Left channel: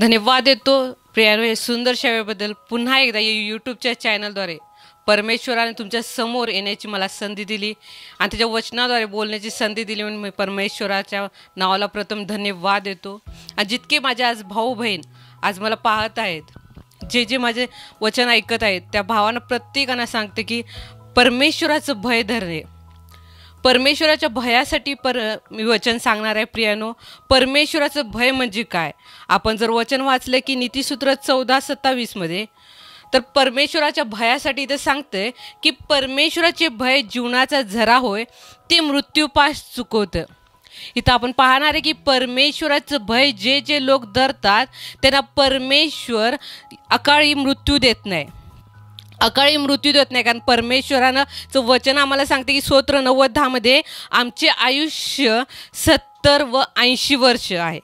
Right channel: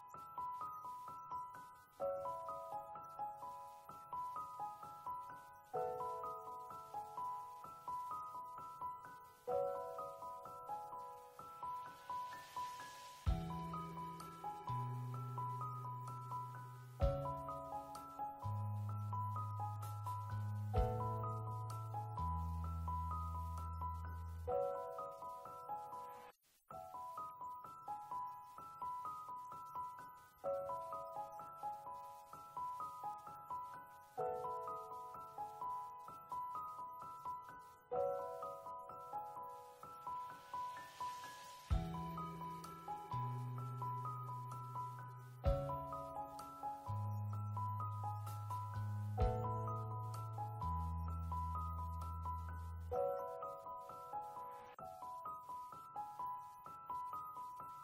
धन्यवाद देतो प्रियानो हे सुंदर सेवेबद्दल. पुन्हा एकदा यूट्यूबच्या चॅनलद्वारे परमेश्वराने तुमच्या समोर येण्याची मला संधी दिली आणि त्याच्या वचनाद्वारे बोलण्याची संधी दिली म्हणून मी परमेश्वराच्या नावाला प्रथम धन्यवाद देतो. आणि जितके माझे आज भाऊ बहीण आज मला पाहत आहेत, जे जे माझे वचन ऐकत आहेत, त्या भावांना प्रत्येकांना सांगते की परमेश्वराचं भय धरणे. परमेश्वराच्या भयासाठी मी वचन सांगणार आहे प्रियानो. परमेश्वराचं भय म्हणजे काय? आपण जर वचन वाचलं की नीतिसूत्र 14:27 मध्ये, तर परमेश्वराच्या भयासाठी इथं सांगतंय की परमेश्वराचे भय जीवनाचा झरा होय, ते मृत्यूपास चुकवतं. इथं आपण पाहणार आहे की परमेश्वराचं भय जे जे लोक धरतात त्यांना परमेश्वर अकाळी मृत्यू देत नाही. अकाळी मृत्यू देत नाही, कारण परमेश्वरानं वचन आम्हाला सांगते की स्तोत्र 90:10 मध्ये आमचे आयुष्य 70 व 80 वर्ष आहे.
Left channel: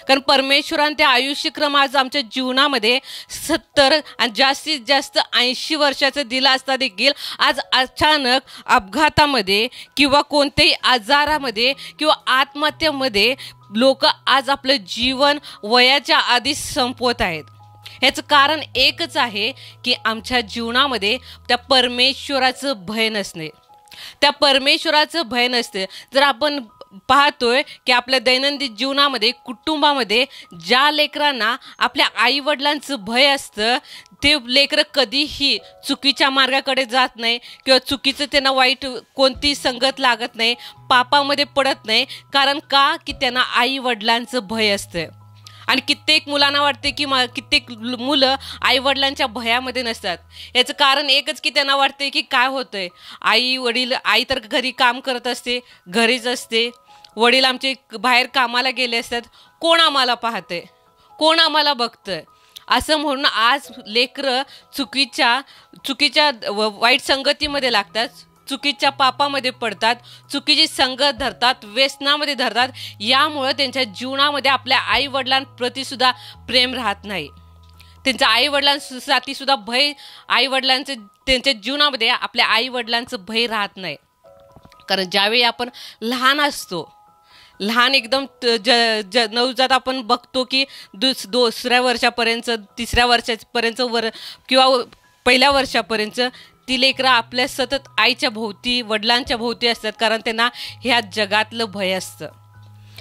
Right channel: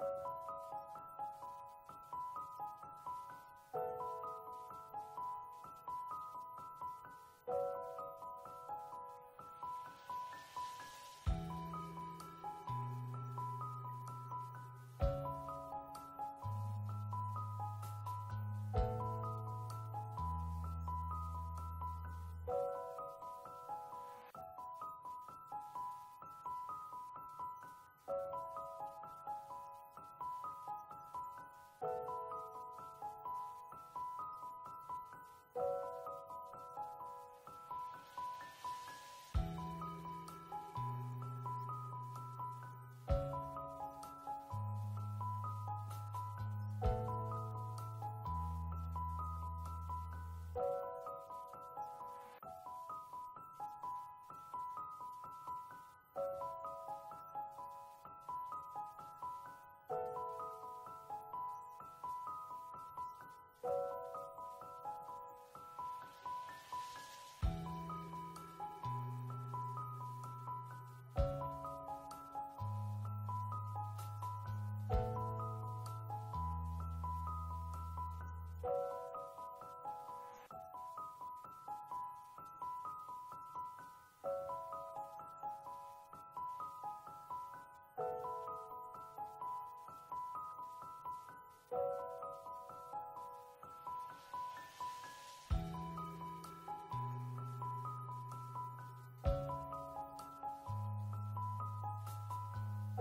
कारण परमेश्वराने ते आयुष्यक्रम आज आमच्या जीवनामध्ये 70 आणि जास्तीत जास्त 80 वर्षाचं दिलं असता देखील आज अचानक अपघातामध्ये किंवा कोणत्याही आजारामध्ये किंवा आत्महत्येमध्ये लोक आज आपलं जीवन वयाच्या आधीच संपवत आहेत. ह्याचं कारण एकच आहे की आमच्या जीवनामध्ये त्या परमेश्वराचं भय नसणे. त्या परमेश्वराचं भय नसते. जर आपण पाहतोय की आपल्या दैनंदिन जीवनामध्ये कुटुंबामध्ये ज्या लेकरांना आपल्या आईवडिलांचं भय असतं, ते लेकरं कधीही चुकीच्या मार्गाकडे जात नाही किंवा चुकीचं त्यांना वाईट कोणती संगत लागत नाही, पापामध्ये पडत नाही. कारण का? की त्यांना आईवडिलांचं भय असतं. आणि कित्येक मुलांना वाटते की कित्येक मुलं आईवडिलांच्या भयामध्ये नसतात. याचं कारण एकच की त्यांना वाटते की काय होतंय, आई तर घरी काम करत असते, घरीच असते, वडील आमचे बाहेर कामाला गेले असतात, कोण आम्हाला पाहतंय, कोण आम्हाला बघतंय, असं म्हणून आज लेकरं चुकीच्या वाईट संगतीमध्ये लागतात, चुकीच्या पापामध्ये पडतात, चुकीची संगत धरतात, व्यसनामध्ये धरतात. यामुळं त्यांच्या जीवनामध्ये आपल्या आईवडिलांप्रती सुद्धा प्रेम राहत नाही. त्यांच्या आईवडिलांसाठी सुद्धा भय, आईवडिलांचं त्यांच्या जीवनामध्ये आपल्या आईवडिलांचं भय राहत नाही. कारण ज्यावेळी आपण लहान असतो, लहान एकदम नवजात आपण बघतो की दुसऱ्या वर्षापर्यंत, तिसऱ्या वर्षापर्यंत किंवा पहिल्या वर्षापर्यंत ती लेकरं आपल्या सतत आईच्या भोवती, वडिलांच्या भोवती असतात. कारण त्यांना ह्या जगातलं भय असतं.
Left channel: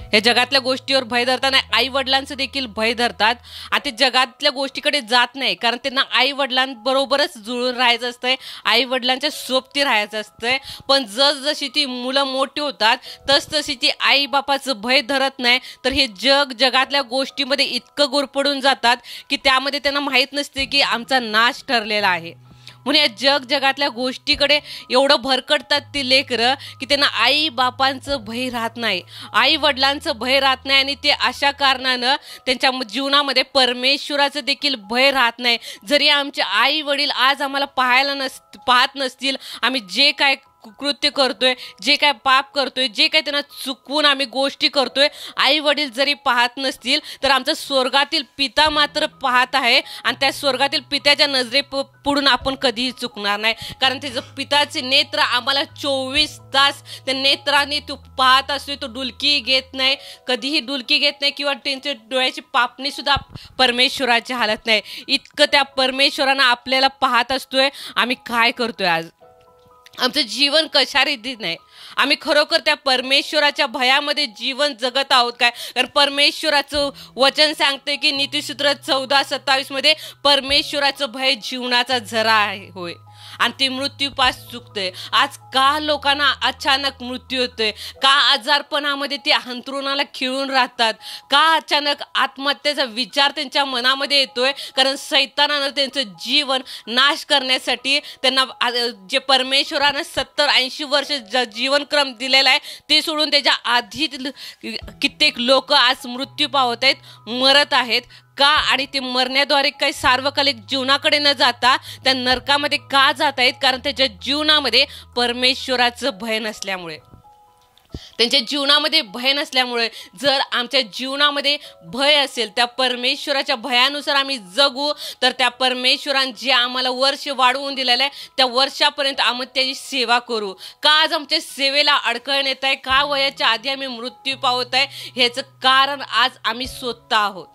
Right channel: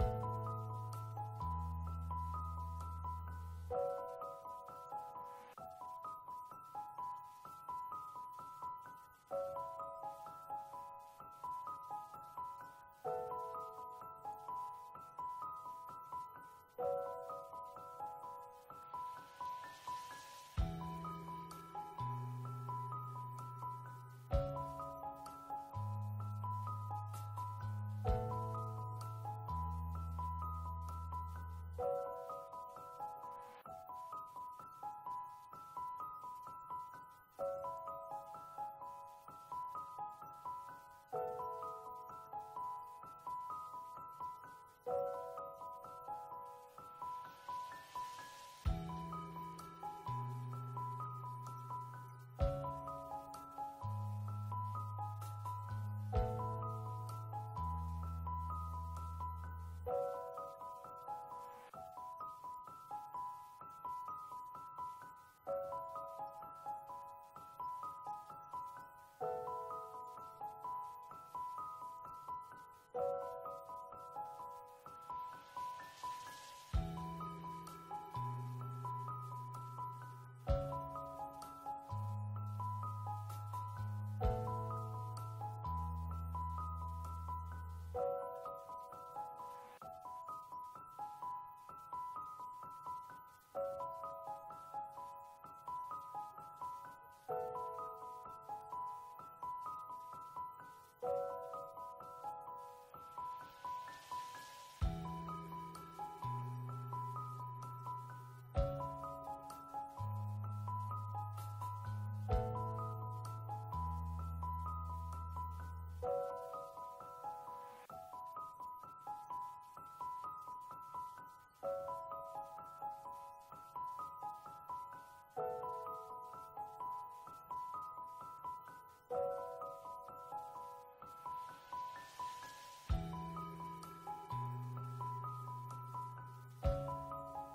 ह्या जगातल्या गोष्टीवर भय धरताना आई वडिलांचं देखील भय धरतात आणि ते जगातल्या गोष्टीकडे जात नाही. कारण त्यांना आई वडिलांबरोबरच जुळून राहायचं असतंय, आई वडिलांच्या सोबती राहायचं असतंय. पण जसजशी ती मुलं मोठी होतात तसतशी ती आई बापाचं भय धरत नाही. तर हे जगातल्या गोष्टीमध्ये इतकं गुरफटून जातात की त्यामध्ये त्यांना माहीत नसते की आमचा नाश ठरलेला आहे. म्हणून या जगातल्या गोष्टीकडे एवढं भरकटतात ती लेकरं की त्यांना आई बापांचं भय राहत नाही, आई वडिलांचं भय राहत नाही. आणि ते अशा कारणानं त्यांच्या जीवनामध्ये परमेश्वराचं देखील भय राहत नाही. जरी आमचे आई वडील आज आम्हाला पाहत नसतील, आम्ही जे काय कृत्य करतोय, जे काय पाप करतोय, जे काय त्यांना चुकवून आम्ही गोष्टी करतोय, आई वडील जरी पाहत नसतील तर आमचा स्वर्गातील पिता मात्र पाहत आहे. आणि त्या स्वर्गातील पित्याच्या नजरे पुढून आपण कधीही चुकणार नाही. कारण त्याचं पिताचे नेत्र आम्हाला 24 तास त्या नेत्राने तो पाहत असतो. तो डुलकी घेत नाही, कधीही डुलकी घेत नाही किंवा त्यांच्या डोळ्याची पापणी सुद्धा परमेश्वराची हालत नाही. इतकं त्या परमेश्वरानं आपल्याला पाहत असतोय. आम्ही काय करतोय आज, आमचं जीवन कशा रीतीने आहे, आम्ही खरोखर त्या परमेश्वराच्या भयामध्ये जीवन जगत आहोत काय? कारण परमेश्वराचं वचन सांगते की नीतिसूत्र 14:27 मध्ये परमेश्वराचं भय जीवनाचा झरा आहे होय, आणि ते मृत्यूपास चुकतंय. आज का लोकांना अचानक मृत्यू होतोय? का आजारपणामध्ये ते अंथरुणाला खिळून राहतात? का अचानक आत्महत्येचा विचार त्यांच्या मनामध्ये येतोय? कारण सैतानानं त्यांचं जीवन नाश करण्यासाठी त्यांना जे परमेश्वरानं 70-80 वर्ष जीवनक्रम दिलेला आहे ते सोडून त्याच्या आधी कित्येक लोक आज मृत्यू पावत आहेत, मरत आहेत. का? आणि ते मरण्याद्वारे काही सार्वकालिक जीवनाकडे न जाता त्या नरकामध्ये का जात आहेत? कारण त्याच्या जीवनामध्ये परमेश्वराचं भय नसल्यामुळे. त्यांच्या जीवनामध्ये भय नसल्यामुळे. जर आमच्या जीवनामध्ये भय असेल, त्या परमेश्वराच्या भयानुसार आम्ही जगू, तर त्या परमेश्वराने जे आम्हाला वर्ष वाढवून दिलेलं आहे त्या वर्षापर्यंत आम्ही त्याची सेवा करू. का आज आमच्या सेवेला अडखळ येत आहे? का वयाच्या आधी आम्ही मृत्यू पावत आहे? ह्याचं कारण आज आम्ही स्वतः आहोत.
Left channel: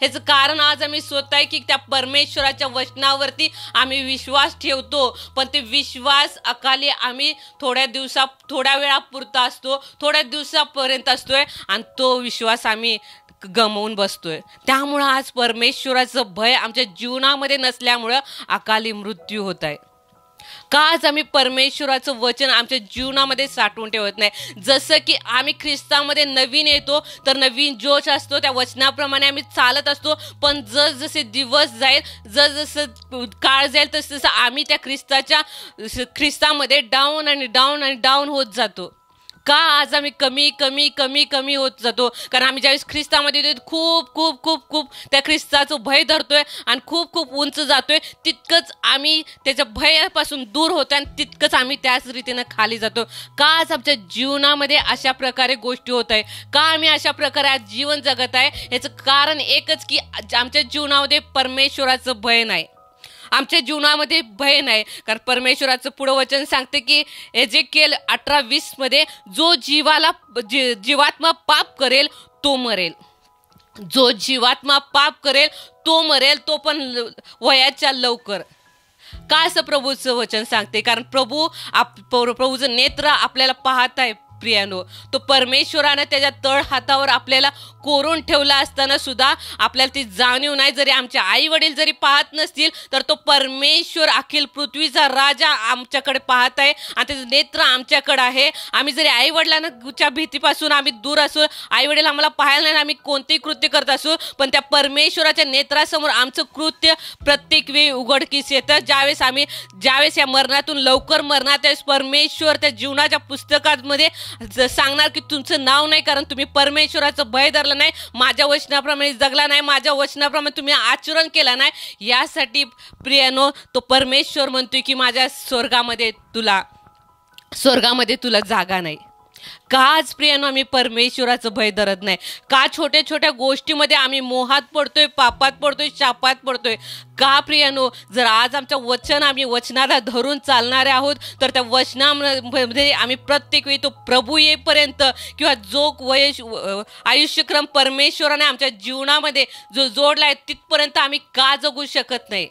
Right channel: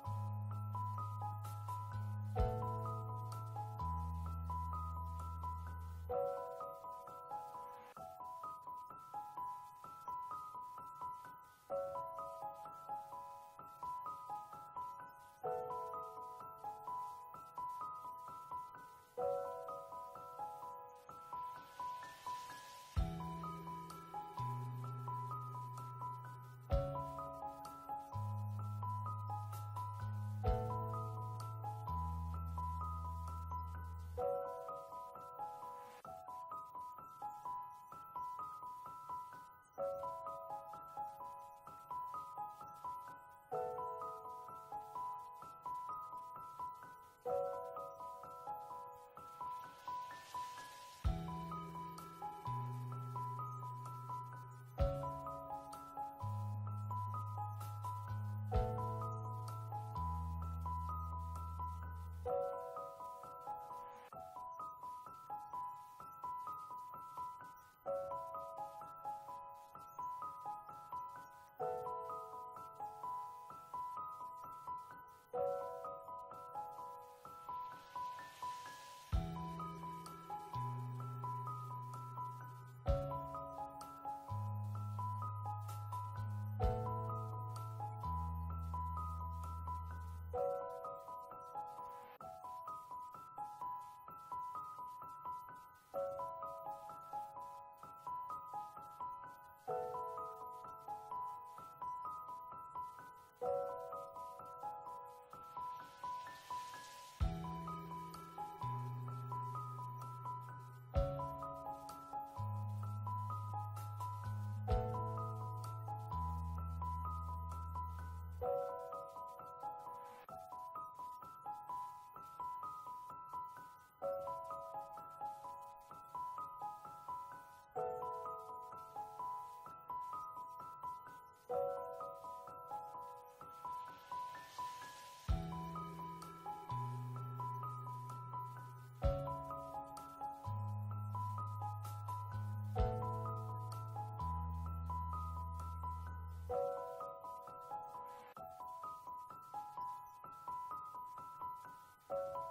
ह्याचं कारण आज आम्ही स्वतः की त्या परमेश्वराच्या वचनावरती आम्ही विश्वास ठेवतो, पण ते विश्वास अकाली आम्ही थोड्या वेळापुरता असतो, थोड्या दिवसापर्यंत असतोय आणि तो विश्वास आम्ही गमावून बसतोय. त्यामुळं आज परमेश्वराचं भय आमच्या जीवनामध्ये नसल्यामुळं अकाली मृत्यू होत आहे. का आज आम्ही परमेश्वराचं वचन आमच्या जीवनामध्ये साठवून ठेवत नाही? जसं की आम्ही ख्रिस्तामध्ये नवीन येतो तर नवीन जोश असतो, त्या वचनाप्रमाणे आम्ही चालत असतो, पण जसजसे दिवस जाईल, जसजसं काळ जाईल तसं आम्ही त्या ख्रिस्तामध्ये डाऊन आणि डाऊन आणि डाऊन होत जातो. का आज आम्ही कमी कमी कमी कमी होत जातो? कारण आम्ही ज्यावेळेस ख्रिस्तामध्ये येतो खूप खूप खूप खूप त्या ख्रिस्ताचं भय धरतोय आणि खूप खूप उंच जातोय, तितकंच आम्ही त्याच्या भयापासून दूर होतोय आणि तितकंच आम्ही त्याच रीतीनं खाली जातो. का आज आमच्या जीवनामध्ये अशा प्रकारे गोष्टी होत आहे? का आम्ही अशा प्रकारे आज जीवन जगत आहे? याचं कारण एकच की आमच्या जीवनामध्ये परमेश्वराचं भय नाही. आमच्या जीवनामध्ये भय नाही. कारण परमेश्वराचं पुढं वचन सांगते की एजेकिएल 18:20 मध्ये जो जीवात्मा पाप करेल तो मरेल. जो जीवात्मा पाप करेल तो मरेल, तो पण वयाच्या लवकर. का असं प्रभूचं वचन सांगते? कारण प्रभूचं नेत्र आपल्याला पाहत आहे प्रियानो. तो परमेश्वरानं त्याच्या तळ हातावर आपल्याला कोरून ठेवला असताना सुद्धा आपल्याला ती जाणीव नाही. जरी आमचे आई वडील जरी पाहत नसतील तर तो परमेश्वर अखिल पृथ्वीचा राजा आमच्याकडे पाहत आहे आणि त्याचं नेत्र आमच्याकडे आहे. आम्ही जरी आई वडिलांच्या भीतीपासून आम्ही दूर असू, आई वडील आम्हाला पाहायला नाही, आम्ही कोणतेही कृत्य करत असू, पण त्या परमेश्वराच्या नेत्रासमोर आमचं कृत्य प्रत्येक वेळी उघडकीस येतं. ज्यावेळेस या मरणातून लवकर मरणार, त्यावेळेस परमेश्वर त्या जीवनाच्या पुस्तकामध्ये सांगणार की तुमचं नाव नाही, कारण तुम्ही परमेश्वराचं भय धरलं नाही, माझ्या वचनाप्रमाणे जगला नाही, माझ्या वचनाप्रमाणे तुम्ही आचरण केलं नाही. यासाठी प्रियानो तो परमेश्वर म्हणतोय की माझ्या स्वर्गामध्ये तुला जागा नाही. का आज प्रियानो आम्ही परमेश्वराचं भय धरत नाही? का छोट्या छोट्या गोष्टीमध्ये आम्ही मोहात पडतोय, पापात पडतोय, शापात पडतोय? का प्रियानो जर आज आम्ही वचनाला धरून चालणारे आहोत तर त्या वचनामध्ये आम्ही प्रत्येक वेळी तो प्रभू येईपर्यंत किंवा जो आयुष्यक्रम परमेश्वराने आमच्या जीवनामध्ये जो जोडलाय तिथपर्यंत आम्ही का जगू शकत नाही?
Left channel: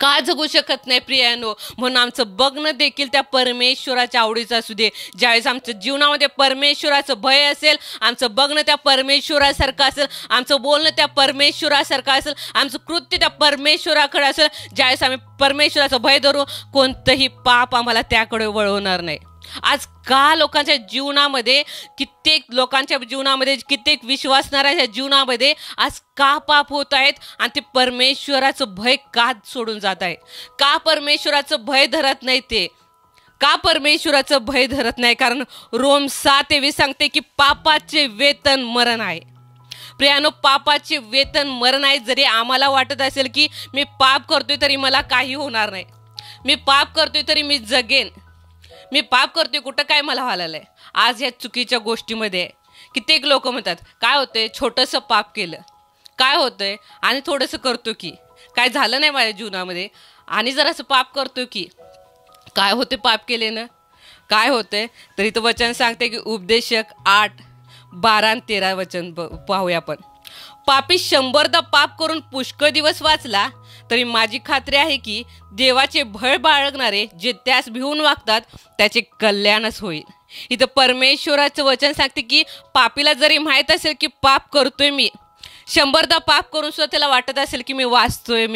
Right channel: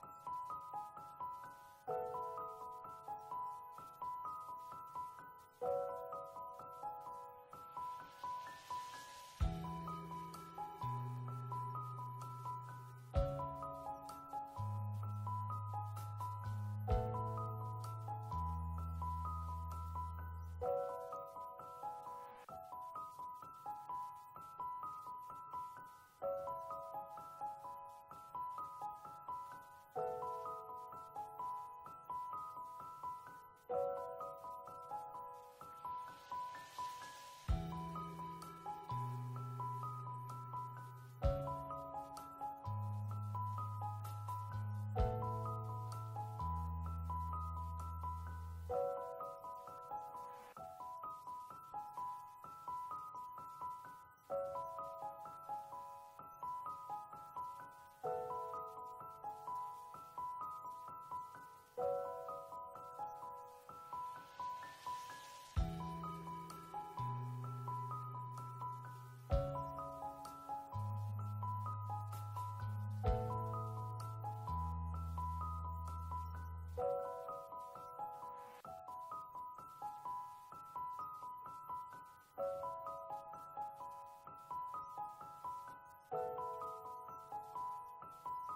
का जगू शकत नाही प्रियानो? म्हणून आमचं बघणं देखील त्या परमेश्वराच्या आवडीचं असू दे. ज्यावेळेस आमच्या जीवनामध्ये परमेश्वराचं भय असेल, आमचं बघणं त्या परमेश्वरासारखं असेल, आमचं बोलणं त्या परमेश्वरासारखं असेल, आमचं कृत्य त्या परमेश्वराकडे असेल, ज्यावेळेस आम्ही परमेश्वराचं भय धरू, कोणतंही पाप आम्हाला त्याकडे वळवणार नाही. आज का लोकांच्या जीवनामध्ये, कित्येक विश्वासणाऱ्याच्या जीवनामध्ये आज का पाप होत आहेत आणि ते परमेश्वराचं भय का सोडून जात आहे? का परमेश्वराचं भय धरत नाही ते? का परमेश्वराचं भय धरत नाही? कारण रोम 7:23 सांगते की पापाचे वेतन मरण आहे. प्रियानो, पापाचे वेतन मरण आहे. जरी आम्हाला वाटत असेल की मी पाप करतोय तरी मला काही होणार नाही, मी पाप करतोय तरी मी जगेन, मी पाप करतोय कुठं काय मला व्हायलंय, आज ह्या चुकीच्या गोष्टीमध्ये कित्येक लोक म्हणतात काय होतंय, छोटंसं पाप केलं काय होतंय, आणि थोडंसं करतो की काय झालं नाही माझ्या जीवनामध्ये, आणि जरासं पाप करतो की काय होते, पाप केले ना काय होतंय. तर इथं वचन सांगते की उपदेशक 8:12-13 वचन पाहूया आपण. पापी 100दा पाप करून पुष्कळ दिवस वाचला तरी माझी खात्री आहे की देवाचे भय बाळगणारे जे त्यास भिवून वागतात त्याचे कल्याणच होईल. इथं परमेश्वराचं वचन सांगते की पापीला जरी माहीत असेल की पाप करतोय मी, 100दा पाप करून सुद्धा त्याला वाटत असेल की मी वाचतोय,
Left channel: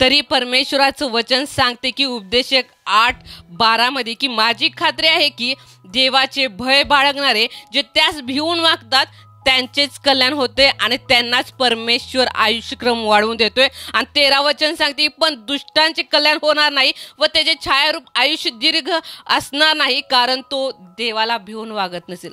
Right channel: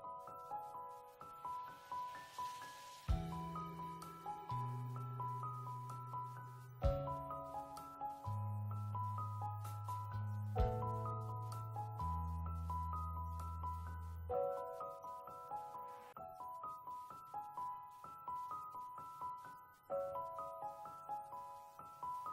तरी परमेश्वराचं वचन सांगते की उपदेशक 8:12 मध्ये की माझी खात्री आहे की देवाचे भय बाळगणारे जे त्यास भिवून वागतात त्यांचेच कल्याण होते आणि त्यांनाच परमेश्वर आयुष्यक्रम वाढवून देतोय. आणि 13 वचन सांगते पण दुष्टांचे कल्याण होणार नाही व त्याचे छायारूप आयुष्य दीर्घ असणार नाही, कारण तो देवाला भिवून वागत नसेल.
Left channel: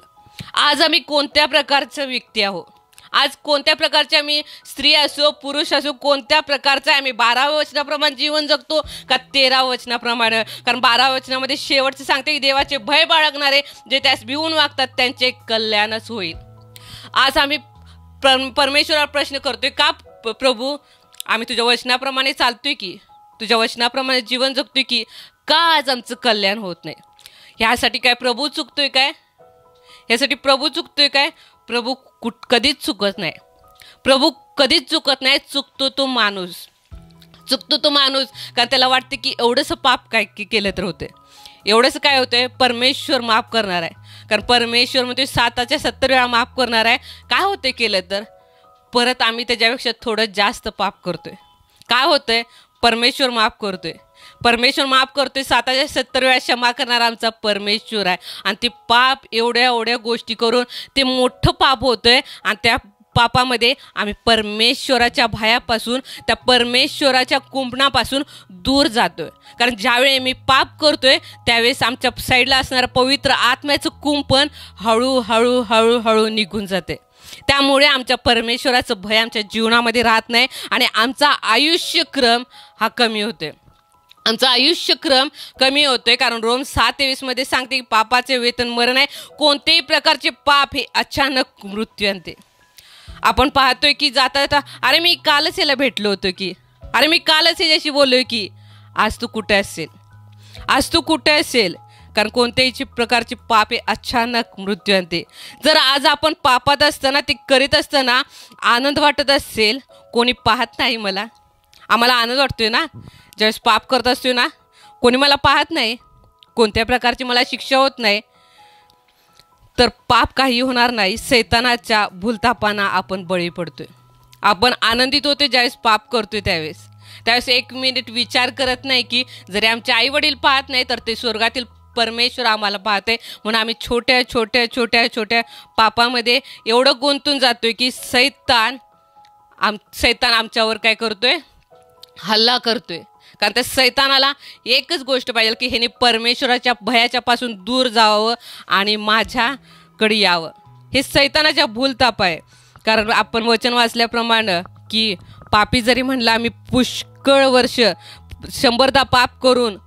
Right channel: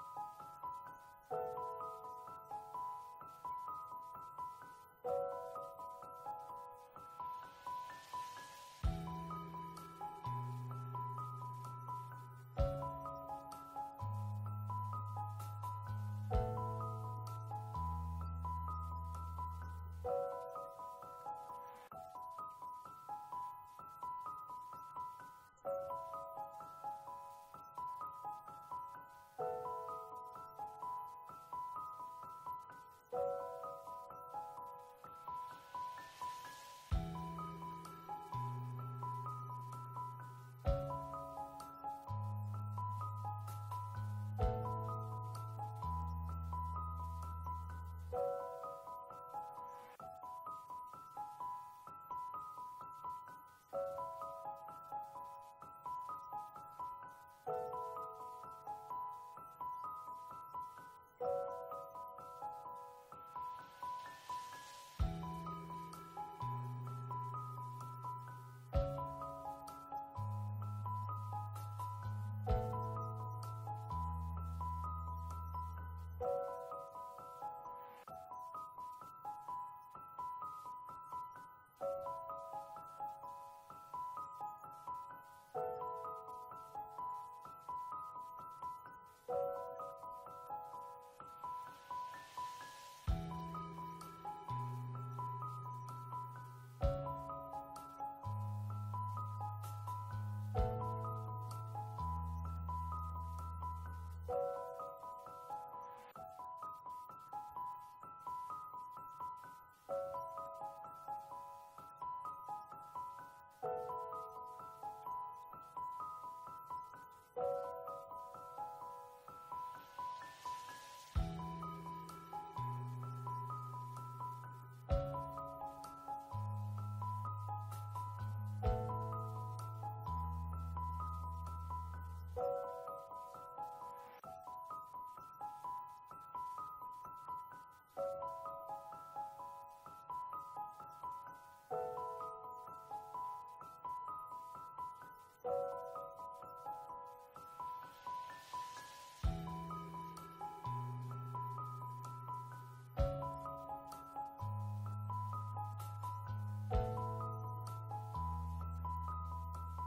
आज आम्ही कोणत्या प्रकारच्या व्यक्ती आहोत? आज कोणत्या प्रकारचे आम्ही स्त्री असो पुरुष असो, कोणत्या प्रकारचा आम्ही 12व्या वचनाप्रमाणे जीवन जगतो का 13व्या वचनाप्रमाणे? कारण 12व्या वचनामध्ये शेवटचं सांगते की देवाचे भय बाळगणारे जे त्यास भिवून वागतात त्यांचे कल्याणच होईल. आज आम्ही परमेश्वराला प्रश्न करतोय का प्रभू आम्ही तुझ्या वचनाप्रमाणे चालतोय की, तुझ्या वचनाप्रमाणे जीवन जगतोय की, का आज आमचं कल्याण होत नाही? ह्यासाठी काय प्रभू चुकतोय काय? ह्यासाठी प्रभू चुकतोय काय? प्रभू कधीच चुकत नाही. प्रभू कधीच चुकत नाही. चुकतो तो माणूस कारण त्याला वाटते की एवढंसं पाप काय केलं तर होते, एवढंच काय होतंय, परमेश्वर माफ करणार आहे. कारण परमेश्वर म्हणजे 7च्या 70 वेळा माफ करणार आहे. काय होते केलं तर परत आम्ही त्याच्यापेक्षा थोडं जास्त पाप करतोय. काय होतंय, परमेश्वर माफ करतोय 7च्या 70 वेळा क्षमा करणारा आमचा परमेश्वर आहे. आणि ते पाप एवढ्या गोष्टी करून ते मोठं पाप होतंय. आणि त्या पापामध्ये आम्ही परमेश्वराच्या भयापासून, त्या परमेश्वराच्या कुंपणापासून दूर जातोय. कारण ज्यावेळी मी पाप करतोय त्यावेळेस आमच्या साईडला असणारं पवित्र आत्म्याचं कुंपण हळूहळू निघून जाते. त्यामुळे आमच्या परमेश्वराचं भय आमच्या जीवनामध्ये राहत नाही आणि आमचा आयुष्यक्रम हा कमी होतोय. कारण रोम 7:23 मध्ये सांगते की पापाचे वेतन मरण आहे. कोणतेही प्रकारचे पाप हे अचानक मृत्यू आणते. आपण पाहतोय की जाता अरे मी कालच याला भेटलो होतो की, अरे मी कालच याच्याशी बोललोय की, आज तू कुठे असेल. कारण कोणत्याही प्रकारचे पाप हे अचानक मृत्यू आणते. जर आज आपण पापात असताना, ते करीत असताना आनंद वाटत असेल, कोणी पाहत नाही मला, आम्हाला आनंद वाटतोय ना ज्यावेळेस पाप करत असतोय ना, कोणी मला पाहत नाही, कोणत्या प्रकारची मला शिक्षा होत नाही, तर पाप काही होणार नाही. शैतानाच्या भूलथापांना आपण बळी पडतोय. आपण आनंदित होतोय ज्यावेळेस पाप करतोय त्यावेळेस 1 मिनिट विचार करत नाही की जरी आमचे आई वडील पाहत नाही तर ते स्वर्गातील परमेश्वर आम्हाला पाहते. म्हणून आम्ही छोट्या पापामध्ये एवढं गुंतून जातोय की सैतान आमच्यावर काय करतोय, हल्ला करतोय. कारण त्या सैतानाला एकच गोष्ट पाहिजे की ह्याने परमेश्वराच्या भयाच्या पासून दूर जावं आणि माझ्याकडे यावं. हे सैतानाच्या भूलथाप आहे. कारण आपण वचन वाचल्याप्रमाणे की पापी जरी म्हणलं आम्ही पुष्कळ वर्ष 100दा पाप करून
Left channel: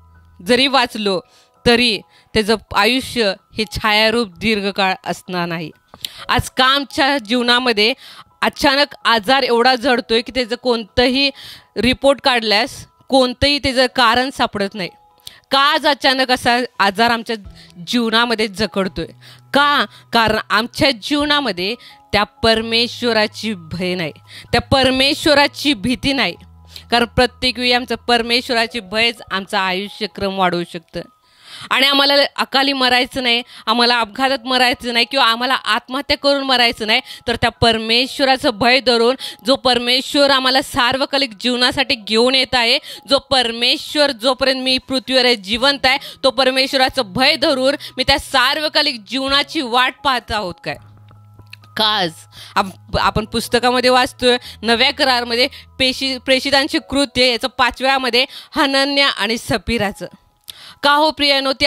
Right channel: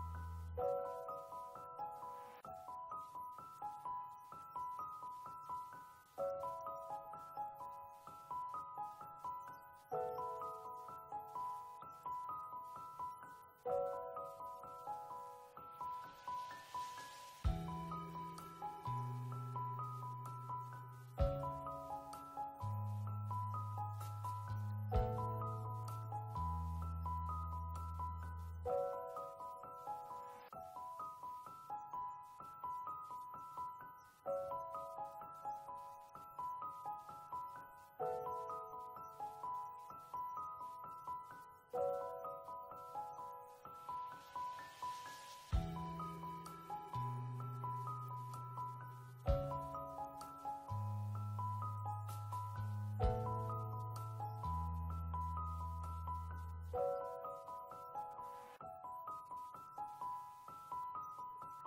जरी वाचलो तरी त्याचं आयुष्य हे छायारूप दीर्घकाळ असणार नाही. आज का आमच्या जीवनामध्ये अचानक आजार एवढा जडतोय की त्याचं कोणतंही रिपोर्ट काढल्यास कोणतंही त्याचं कारण सापडत नाही. का आज अचानक असा आजार आमच्या जीवनामध्ये जखडतोय? कारण आमच्या जीवनामध्ये त्या परमेश्वराची भय नाही, त्या परमेश्वराची भीती नाही. कारण प्रत्येक वेळी आमचं परमेश्वराची भयच आमचा आयुष्यक्रम वाढवू शकतं. आणि आम्हाला अकाली मरायचं नाही, आम्हाला अपघातात मरायचं नाही किंवा आम्हाला आत्महत्या करून मरायचं नाही, तर त्या परमेश्वराचं भय धरून, जो परमेश्वर आम्हाला सार्वकालिक जीवनासाठी घेऊन येत आहे, जो परमेश्वर जोपर्यंत मी पृथ्वीवर जिवंत आहे तो परमेश्वराचं भय धरून मी त्या सार्वकालिक जीवनाची वाट पाहत आहोत काय? काज आपण पुस्तकामध्ये वाचतोय नव्या करारामध्ये प्रेषितांची कृत्य याचं 5व्यामध्ये हनन्या आणि सफीराचं. का हो प्रियानो ती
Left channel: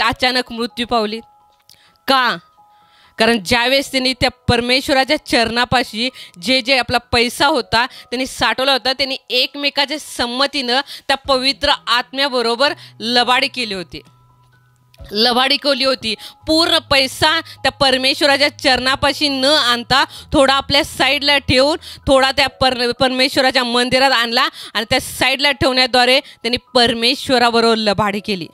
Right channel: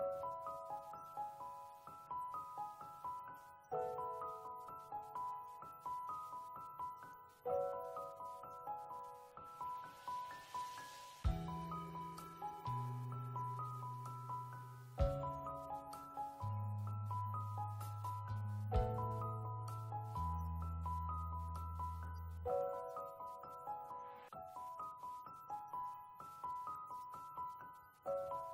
अचानक मृत्यू पावली? कारण ज्यावेळेस त्यांनी त्या परमेश्वराच्या चरणापाशी जे आपला पैसा होता त्यांनी साठवला होता, त्यांनी एकमेकाच्या संमतीनं त्या पवित्र आत्म्याबरोबर लबाडी केली होती. पूर्ण पैसा त्या परमेश्वराच्या चरणापाशी न आणता थोडा आपल्या साईडला ठेवून थोडा त्या परमेश्वराच्या मंदिरात आणला आणि त्या साईडला ठेवण्याद्वारे त्यांनी परमेश्वराबरोबर लबाडी केली.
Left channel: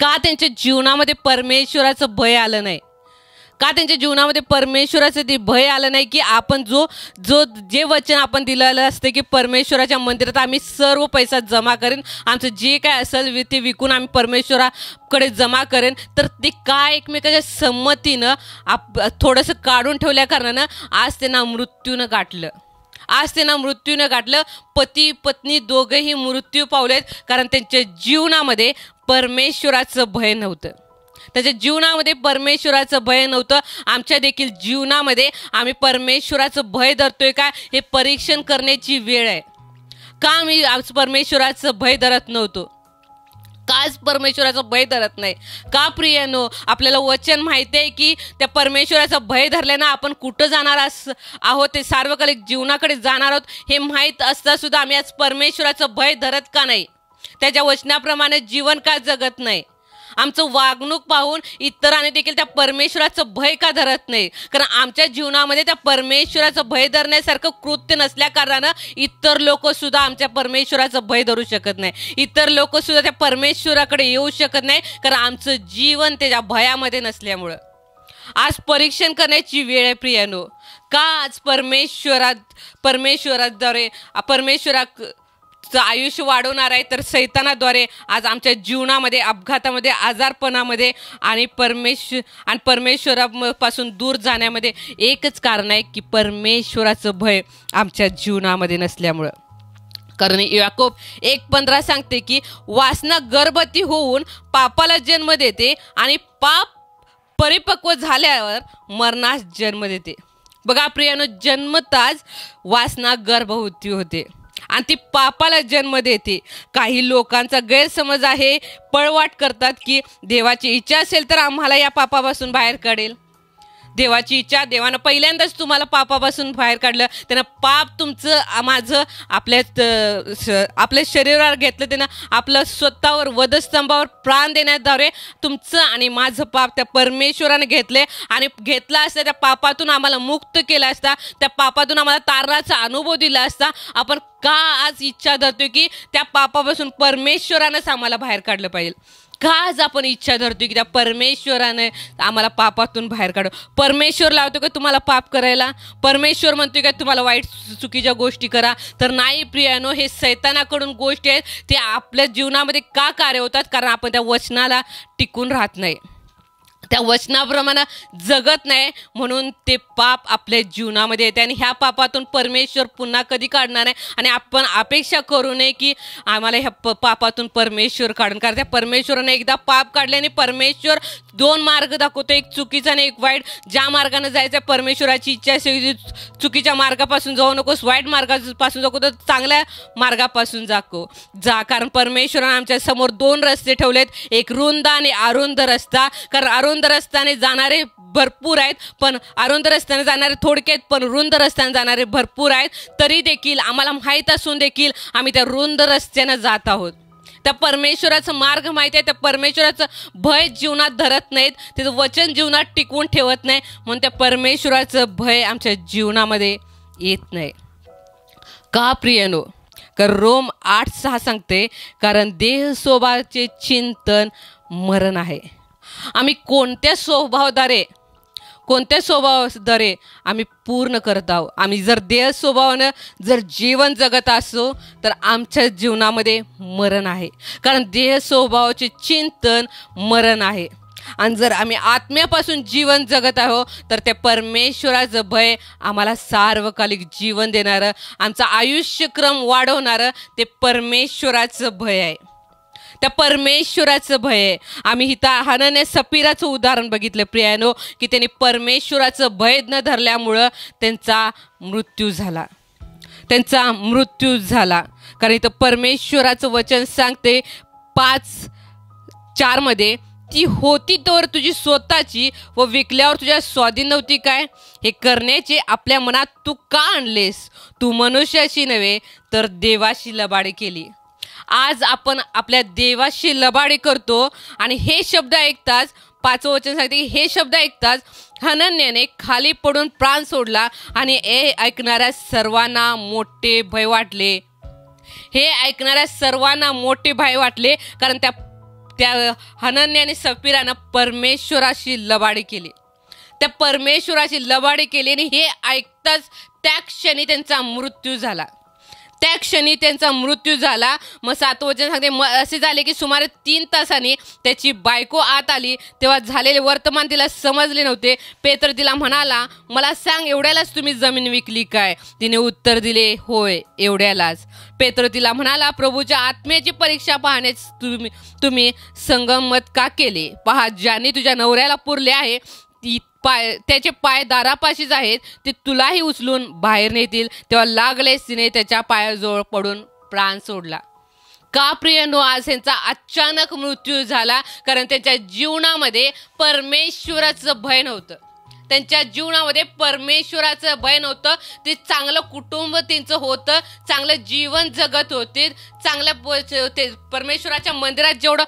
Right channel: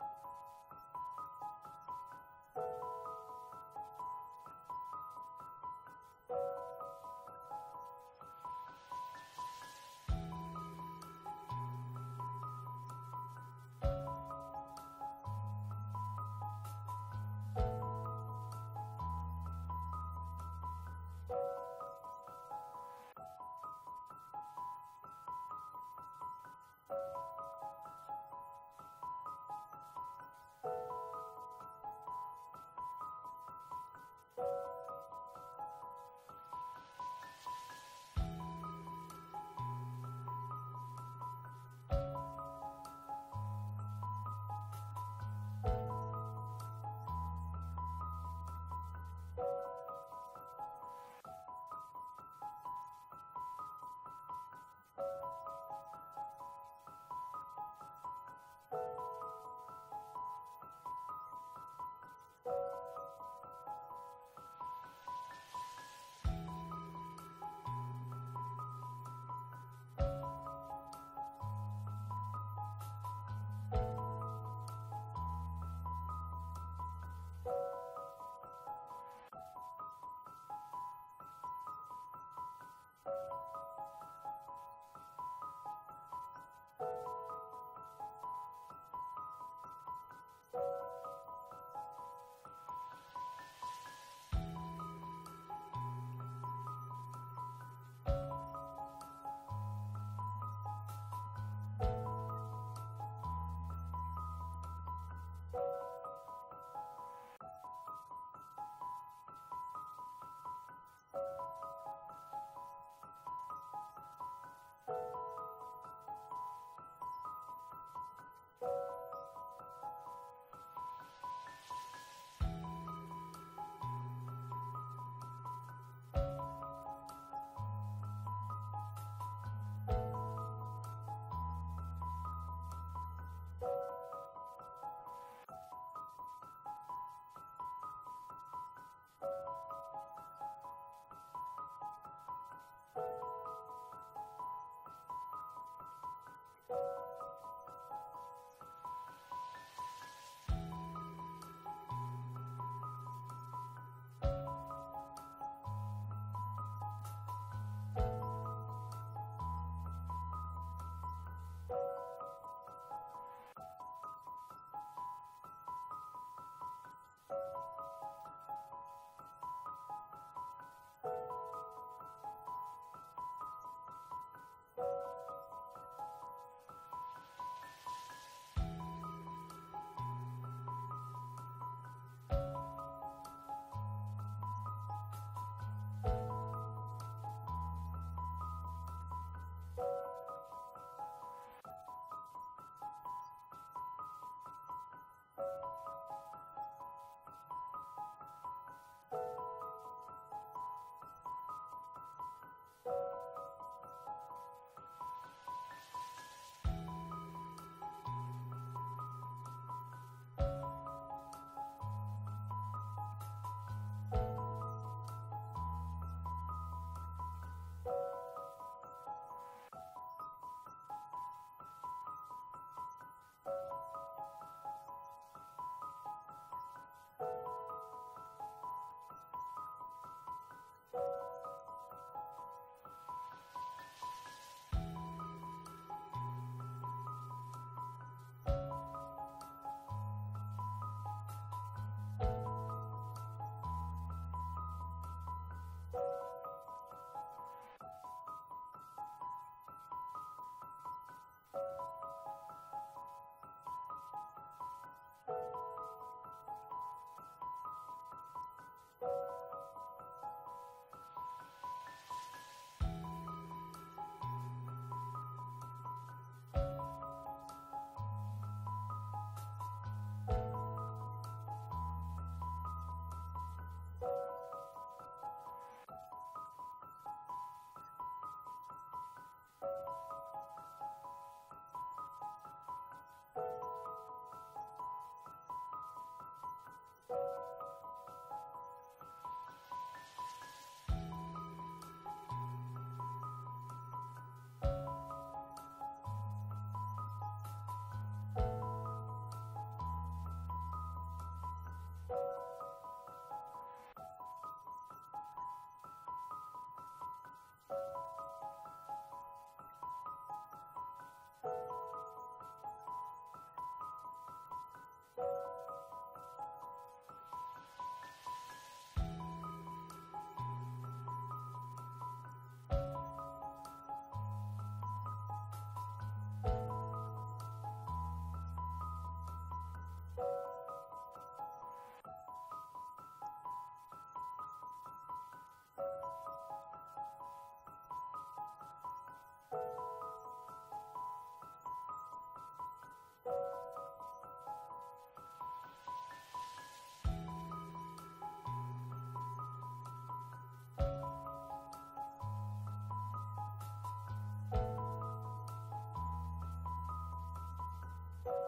का त्यांच्या जीवनामध्ये परमेश्वराचं भय आलं नाही? का त्यांच्या जीवनामध्ये परमेश्वराचं ते भय आलं नाही की आपण जे वचन आपण दिलेलं असते की परमेश्वराच्या मंदिरात आम्ही सर्व पैसा जमा करेन, आमचं जे काय असेल ते विकून आम्ही परमेश्वराकडे जमा करेन, तर ते का एकमेकाच्या संमतीनं थोडंसं काढून ठेवल्या कारणानं आज त्यांना मृत्यूनं गाठलं. पती पत्नी दोघेही मृत्यू पावलेत कारण त्यांच्या जीवनामध्ये परमेश्वराचं भय नव्हतं. त्याच्या जीवनामध्ये परमेश्वराचं भय नव्हतं. आमच्या देखील जीवनामध्ये आम्ही परमेश्वराचं भय धरतोय का हे परीक्षण करण्याची वेळ आहे. का आम्ही आज परमेश्वराचं भय धरत नव्हतो? काच परमेश्वराचं भय धरत नाही? का प्रियानो आपल्याला वचन माहिती आहे की त्या परमेश्वराचं भय धरल्यानं आपण कुठं जाणार आहोत, ते सार्वकालिक जीवनाकडे जाणार आहोत हे माहीत असता सुद्धा आम्ही आज परमेश्वराचं भय धरत का नाही? त्याच्या वचनाप्रमाणे जीवन का जगत नाही? आमचं वागणूक पाहून इतरांनी देखील त्या परमेश्वराचं भय का धरत नाही? कारण आमच्या जीवनामध्ये त्या परमेश्वराचं भय धरण्यासारखं कृत्य नसल्या कारणानं इतर लोक सुद्धा आमच्या परमेश्वराचं भय धरू शकत नाही. इतर लोक सुद्धा त्या परमेश्वराकडे येऊ शकत नाही कारण आमचं जीवन त्याच्या भयामध्ये नसल्यामुळं. आज परीक्षण करण्याची वेळ आहे प्रियानो. का आज परमेश्वराद्वारे आयुष्य वाढवणार आहे, तर सैतानाद्वारे आज आमच्या जीवनामध्ये, अपघातामध्ये, आजारपणामध्ये आणि परमेश्वरापासून दूर जाण्यामध्ये एकच कारण आहे की परमेश्वराचं भय आमच्या जीवनामध्ये नसल्यामुळं. कारण याकोब 1:15 सांगते की वासना गर्भवती होऊन पापाला जन्म देते आणि पाप परिपक्व झाल्यावर मरणास जन्म देते. बघा प्रियानो, जन्मताच वासना गर्भवती होते आणि ती पापाला जन्म देते. काही लोकांचा गैरसमज आहे, पळवाट करतात की देवाची इच्छा असेल तर आम्हाला या पापापासून बाहेर काढेल. देवाची इच्छा, देवानं पहिल्यांदाच तुम्हाला पापापासून बाहेर काढलं. त्यानं पाप तुमचं माझं आपल्या शरीरावर घेतलं. त्यानं आपलं स्वतःवर वधस्तंभावर प्राण देण्याद्वारे तुमचं आणि माझं पाप त्या परमेश्वराने घेतले आणि घेतला असता त्या पापातून आम्हाला मुक्त केला असता, त्या पापातून आम्हाला तारणाचा अनुभव दिला असता. आपण का आज इच्छा धरतो की त्या पापापासून परमेश्वरानंच आम्हाला बाहेर काढलं पाहिजे? का आज आपण इच्छा धरतो की त्या परमेश्वराने आम्हाला पापातून बाहेर काढू? परमेश्वर लावतो का तुम्हाला पाप करायला? परमेश्वर म्हणतोय का तुम्हाला वाईट चुकीच्या गोष्टी करा? तर नाही प्रियानो, हे सैतानाकडून गोष्टी आहेत. ते आपल्या जीवनामध्ये का कार्य होतात? कारण आपण त्या वचनाला टिकून राहत नाही, त्या वचनाप्रमाणे जगत नाही, म्हणून ते पाप आपल्या जीवनामध्ये येते. आणि ह्या पापातून परमेश्वर पुन्हा कधी काढणार नाही. आणि आपण अपेक्षा करू नये की आम्हाला ह्या पापातून परमेश्वर काढून, कारण त्या परमेश्वराने एकदा पाप काढले आणि परमेश्वर 2 मार्ग दाखवतो, एक चुकीचा आणि एक वाईट. ज्या मार्गाने जायचं परमेश्वराची इच्छा असेल, चुकीच्या मार्गापासून जाऊ नकोस, वाईट मार्गापासून जाऊ, तर चांगल्या मार्गापासून जा. कारण परमेश्वराने आमच्या समोर 2 रस्ते ठेवलेत, एक रुंद आणि अरुंद रस्ता. कारण अरुंद रस्त्याने जाणारे भरपूर आहेत, पण अरुंद रस्त्याने जाणारे थोडक्यात, पण रुंद रस्त्याने जाणारे भरपूर आहेत. तरी देखील आम्हाला माहीत असून देखील आम्ही त्या रुंद रस्त्याने जात आहोत. त्या परमेश्वराचा मार्ग माहिती आहे, त्या परमेश्वराचं भय जीवनात धरत नाहीत, त्याचं वचन जीवनात टिकवून ठेवत नाही, म्हणून त्या परमेश्वराचं भय आमच्या जीवनामध्ये येत नाही. का प्रियनो? कारण रोम 8:6 सांगते, कारण देह स्वभावाचे चिंतन मरण आहे. आम्ही कोणत्या स्वभावाद्वारे आम्ही पूर्ण करत आहोत? आम्ही जर देह स्वभावानं जर जीवन जगत असो तर आमच्या जीवनामध्ये मरण आहे. कारण देह स्वभावाचे चिंतन मरण आहे. आणि जर आम्ही आत्म्यापासून जीवन जगत आहोत तर त्या परमेश्वराचं भय आम्हाला सार्वकालिक जीवन देणारं, आमचा आयुष्यक्रम वाढवणारं ते परमेश्वराचं भय आहे. त्या परमेश्वराचं भय आहे. आम्ही इथं हनन्या सफीराचं उदाहरण बघितलं प्रियानो, की त्यांनी परमेश्वराचं भय न धरल्यामुळं त्यांचा मृत्यू झाला. कारण इथं परमेश्वराचं वचन सांगते 5:4 मध्ये, ती होती तर तुझी स्वतःची व विकल्यावर तुझ्या स्वाधीन नव्हती काय? हे करण्याचे आपल्या मनात तू का आणलेस? तू मनुष्याशी नव्हे तर देवाशी लबाडी केली. आज आपण आपल्या देवाशी लबाडी करतो आणि हे शब्द ऐकताच, 5वं वचन सांगते की हे शब्द ऐकताच हनन्याने खाली पडून प्राण सोडला आणि हे ऐकणाऱ्या सर्वांना मोठे भय वाटले. कारण त्या हनन्याने सफीरानं परमेश्वराशी लबाडी केली. त्या परमेश्वराशी लबाडी केली आणि हे ऐकताच त्या क्षणी त्यांचा मृत्यू झाला. मग 7वं वचन सांगते, असे झाले की सुमारे 3 तासांनी त्याची बायको आत आली. तेव्हा झालेले वर्तमान तिला समजले नव्हते. पेत्र तिला म्हणाला, मला सांग, एवढ्यालाच तुम्ही जमीन विकली काय? तिने उत्तर दिले, होय, एवढ्यालाच. पेत्र तिला म्हणाला, प्रभूच्या आत्म्याची परीक्षा पाहण्यास तुम्ही संगमत का केले? पहा, ज्यांनी तुझ्या नवऱ्याला पुरले आहे त्याचे पाय दारापाशीच आहेत, ते तुलाही उचलून बाहेर नेतील. तेव्हा लागलेच तिने त्याच्या पायाजवळ पडून प्राण सोडला. का प्रियनो? आज त्यांचा अचानक मृत्यू झाला कारण त्यांच्या जीवनामध्ये परमेश्वराचं भय नव्हतं. ते चांगलं कुटुंब त्यांचं होतं, चांगलं जीवन जगत होते, परमेश्वराच्या मंदिरात जेवढं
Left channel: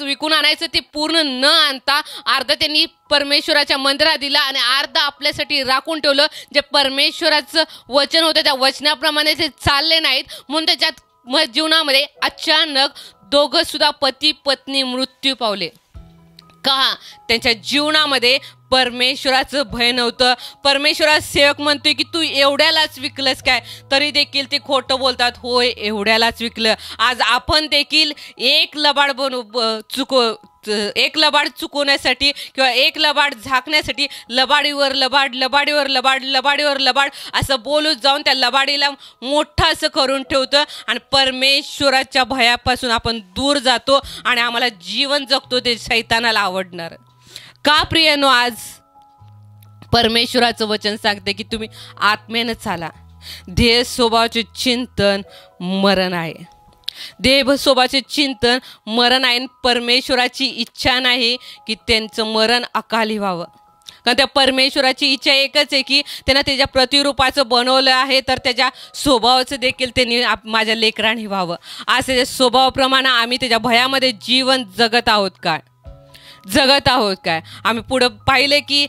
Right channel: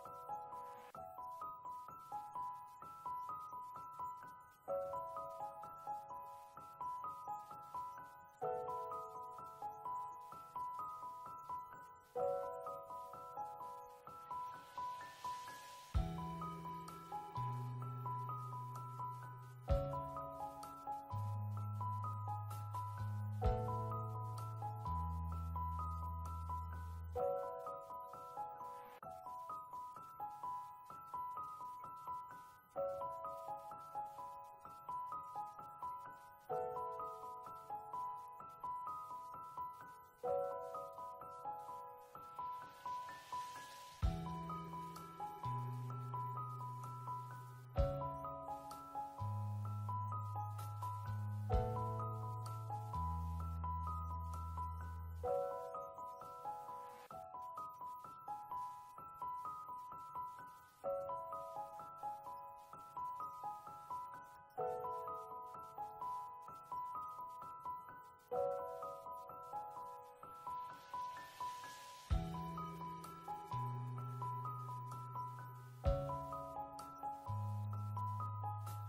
विकून आणायचं ते पूर्ण न आणता अर्ध त्यांनी परमेश्वराच्या मंदिरात दिला आणि अर्ध आपल्यासाठी राखून ठेवलं. जे परमेश्वराचं वचन होतं त्या वचनाप्रमाणे ते चालले नाहीत, म्हणून त्याच्यात जीवनामध्ये अचानक दोघं सुद्धा पती पत्नी मृत्यू पावले. का? त्यांच्या जीवनामध्ये परमेश्वराचं भय नव्हतं. परमेश्वराचा सेवक म्हणतोय की तू एवढ्यालाच विकलंस काय, तरी देखील ते खोटं बोलतात. होय, एवढ्यालाच विकलं. आज आपण देखील एक लबाड एक लबाड चुकवण्यासाठी किंवा एक लबाड झाकण्यासाठी लबाडीवर लबाड, लबाडीवर लबाड, लबाडीवर लबाड असं बोलून जाऊन त्या लबाडीला मोठं असं करून ठेवतं आणि परमेश्वराच्या भयापासून आपण दूर जातो आणि आम्हाला जीवन जगतो ते शैतानाला आवडणार. का प्रियनो, आज परमेश्वराचं वचन सांगते की तुम्ही आत्म्यानं चाला. देह स्वभावाचे चिंतन मरण आहे. देह स्वभावाचे चिंतन मरण आहे. परमेश्वराची इच्छा नाही की त्यांचं मरण अकाली व्हावं. कारण त्या परमेश्वराची इच्छा एकच आहे की त्यांना त्याच्या प्रतिरूपाचं बनवलं आहे, तर त्याच्या स्वभावाचं देखील त्यांनी माझ्या लेकरांनी व्हावं. आज त्याच्या स्वभावाप्रमाणे आम्ही त्याच्या भयामध्ये जीवन जगत आहोत काय? आम्ही पुढं पाहिलं की